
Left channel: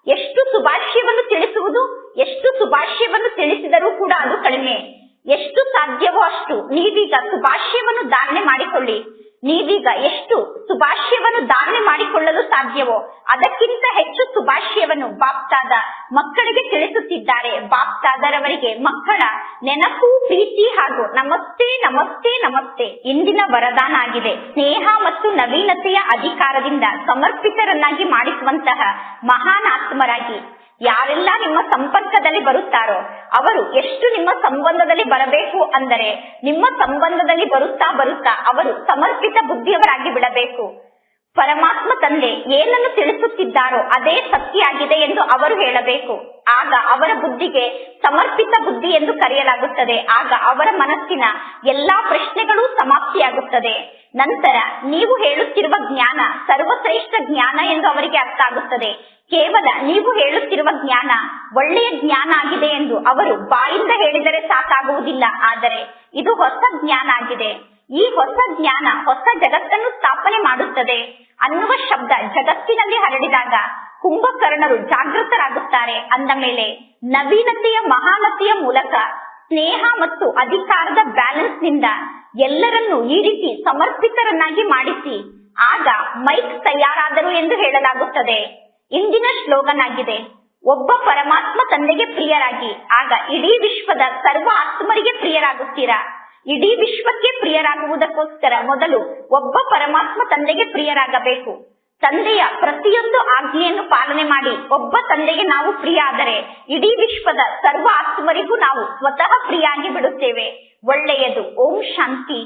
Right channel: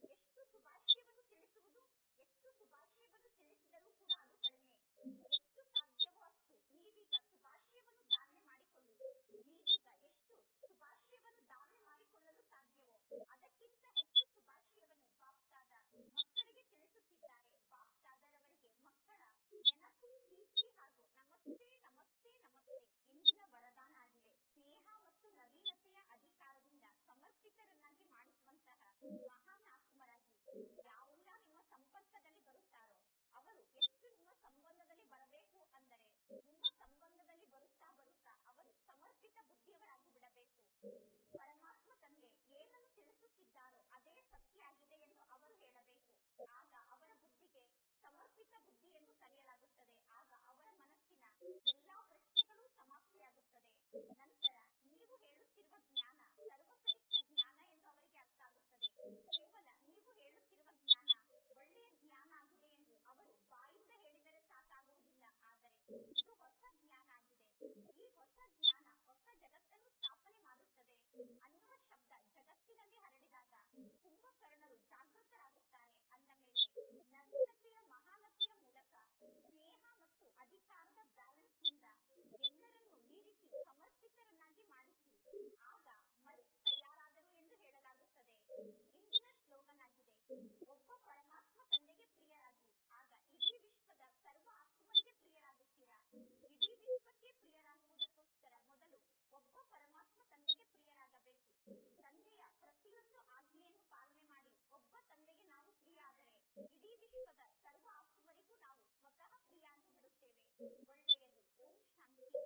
ಎಷ್ಟು ಶುಭಾಶಯವನ್ನು ತಿಳಿಸುವುದು, ಎಷ್ಟು ಶುಭಾಶಯವನ್ನು ತಿಳಿಸಿದರೂ ಕೂಡ ಅದು ಕಡಿಮೆ. ಎಷ್ಟು ಸಾಧ್ಯವೋ ಅಷ್ಟು ನೀವೀಗ ಶುಭಾಶಯವನ್ನು ಧಾರಣೆ ಮಾಡಿಕೊಳ್ಳಿ. ನೀವೀಗ ಎಷ್ಟು ಶುಭಾಶಯವನ್ನು ಧಾರಣೆ ಮಾಡಿಕೊಳ್ಳಲು ಸಾಧ್ಯವೋ ಅದಕ್ಕಿಂತ ಹೆಚ್ಚು ಶುಭಾಶಯವನ್ನು ಬಾಪ್ತಾದ ಮಕ್ಕಳಿಗೆ ತಿಳಿಸುತ್ತಿದ್ದಾರೆ. ಬಾಪ್ತಾದರವರಿಗೆ ಮಕ್ಕಳ ನೆನಪು, ಪ್ರೀತಿ ಹಾಗೂ ನಮಸ್ತೆ ನಮಸ್ತೆ ನಮಸ್ತೆ ಇಂದಿನ ವರದಾನ ಆಗಿದೆ. ಸ್ನೇಹ ಮತ್ತು ನವೀನತೆಯ ಅಧಿಕಾರದಿಂದ ಸಮರ್ಪಿತರನ್ನಾಗಿ ಮಾಡಿಸುವಂತಹ ಮಹಾನ್ ಆತ್ಮರಾಗಿ ಯಾರೆಲ್ಲ ನಿಮ್ಮ ಸಂಪರ್ಕದಲ್ಲಿ ಬರುತ್ತಾರೋ ಅವರು ಎಷ್ಟು ನಿಮ್ಮ ಸಂಬಂಧದಲ್ಲಿ ಬರಬೇಕು ಅಂದರೆ ನಿಮ್ಮ ಸಂಬಂಧದಲ್ಲಿ ಬರುತ್ತಾ ಅವರು ಸಮರ್ಪಿತ ಬುದ್ಧಿಯವರಾಗಿ ಬಿಡಬೇಕು. ಪರಮಾತ್ಮ ತಂದೆ ಏನನ್ನು ತಿಳಿಸುತ್ತಿದ್ದಾರೋ ಅದೇ ಸತ್ಯ ಆಗಿದೆ ಎಂದು ಅವರು ಹೇಳಬೇಕು. ಆಗ ಅವರ ಬುದ್ಧಿಗೆ ಸಮರ್ಪಿತ ಬುದ್ಧಿ ಎಂದು ಕರೆಯಲಾಗುತ್ತದೆ. ಆಗ ಅವರ ಮನಸ್ಸಿನ ಎಲ್ಲಾ ಪ್ರಶ್ನೆಗಳು ಸಮಾಪ್ತಿಯಾಗುತ್ತದೆ. ನಂತರ ನೀವು ಹೇಳುತ್ತಿರುವ ಜ್ಞಾನ ಸರ್ವಶ್ರೇಷ್ಠ ಜ್ಞಾನ ಎಂದು ಅವರಿಗೆ ಅರ್ಥ ಆಗುತ್ತದೆ. ಕೇವಲ ನೀವು ಹೇಳುತ್ತಿರುವ ಜ್ಞಾನ ಒಳ್ಳೆಯ ಜ್ಞಾನ ಆಗಿದೆ ಎಂದು ಅವರು ಬಾಯಿಂದ ಹೇಳಿದರೆ ಸಾಕಾಗುವುದಿಲ್ಲ. ಆದರೆ ಇದು ಹೊಸ ಜ್ಞಾನ ಆಗಿದೆ. ಈ ಹೊಸ ಜ್ಞಾನ ಹೊಸ ಜಗತ್ತನ್ನು ಸ್ಥಾಪನೆ ಮಾಡುತ್ತದೆ ಅನ್ನುವ ಶಬ್ದ ಜಗತ್ತಿನಲ್ಲಿ ಹರಡಿದಾಗ ಕುಂಭಕರ್ಣರು ಜಾಗೃತರಾಗುತ್ತಾರೆ. ಅಂದ ಮೇಲೆ ನವೀನತೆಯ ಮಹಾನತೆಯ ಮೂಲಕ ಸ್ನೇಹ ಮತ್ತು ಅಧಿಕಾರದ ಬ್ಯಾಲೆನ್ಸ್ ನಿಂದ ಎಲ್ಲರನ್ನೂ ಈ ರೀತಿ ಸಮರ್ಪಿತರನ್ನಾಗಿ ಮಾಡಿಸಿ ಆಗ ಮೈಕ್ ತಯಾರಾದರು ಎಂದು ಹೇಳಲಾಗುತ್ತದೆ. ಇಂದಿನ ಸ್ಲೋಗನ್ ಆಗಿದೆ, ಒಬ್ಬ ಪರಮಾತ್ಮ ತಂದೆಗೆ ಪ್ರಿಯರಾಗಿ ಆಗ ಇಡೀ ವಿಶ್ವದ ಸರ್ವ ಆತ್ಮರಿಗೆ ಪ್ರಿಯರಾಗುತ್ತೀರಾ. ಇಡೀ ವಿಶ್ವಕ್ಕೆ ಪ್ರಿಯರಾಗುವುದಕ್ಕೋಸ್ಕರ ಮೊದಲು ಒಬ್ಬ ಪರಮಾತ್ಮ ತಂದೆಗೆ ಪ್ರಿಯರಾಗಬೇಕು. ತಂದೆಯ ಪ್ರತಿಯೊಂದು ಆಜ್ಞೆಯನ್ನು ಪಾಲನೆ ಮಾಡಿ ಒಬ್ಬ ತಂದೆಗೆ ನಾವು ಪ್ರಿಯ ಆದರೆ ಇಡೀ ವಿಶ್ವದ ಸರ್ವ ಆತ್ಮರಿಗೂ ನಾವು ಸ್ವತಃ ಪ್ರಿಯಾಗಿ ಬಿಡುತ್ತೇವೆ. ಒಳ್ಳೆಯದು. ಓಂ ಶಾಂತಿ.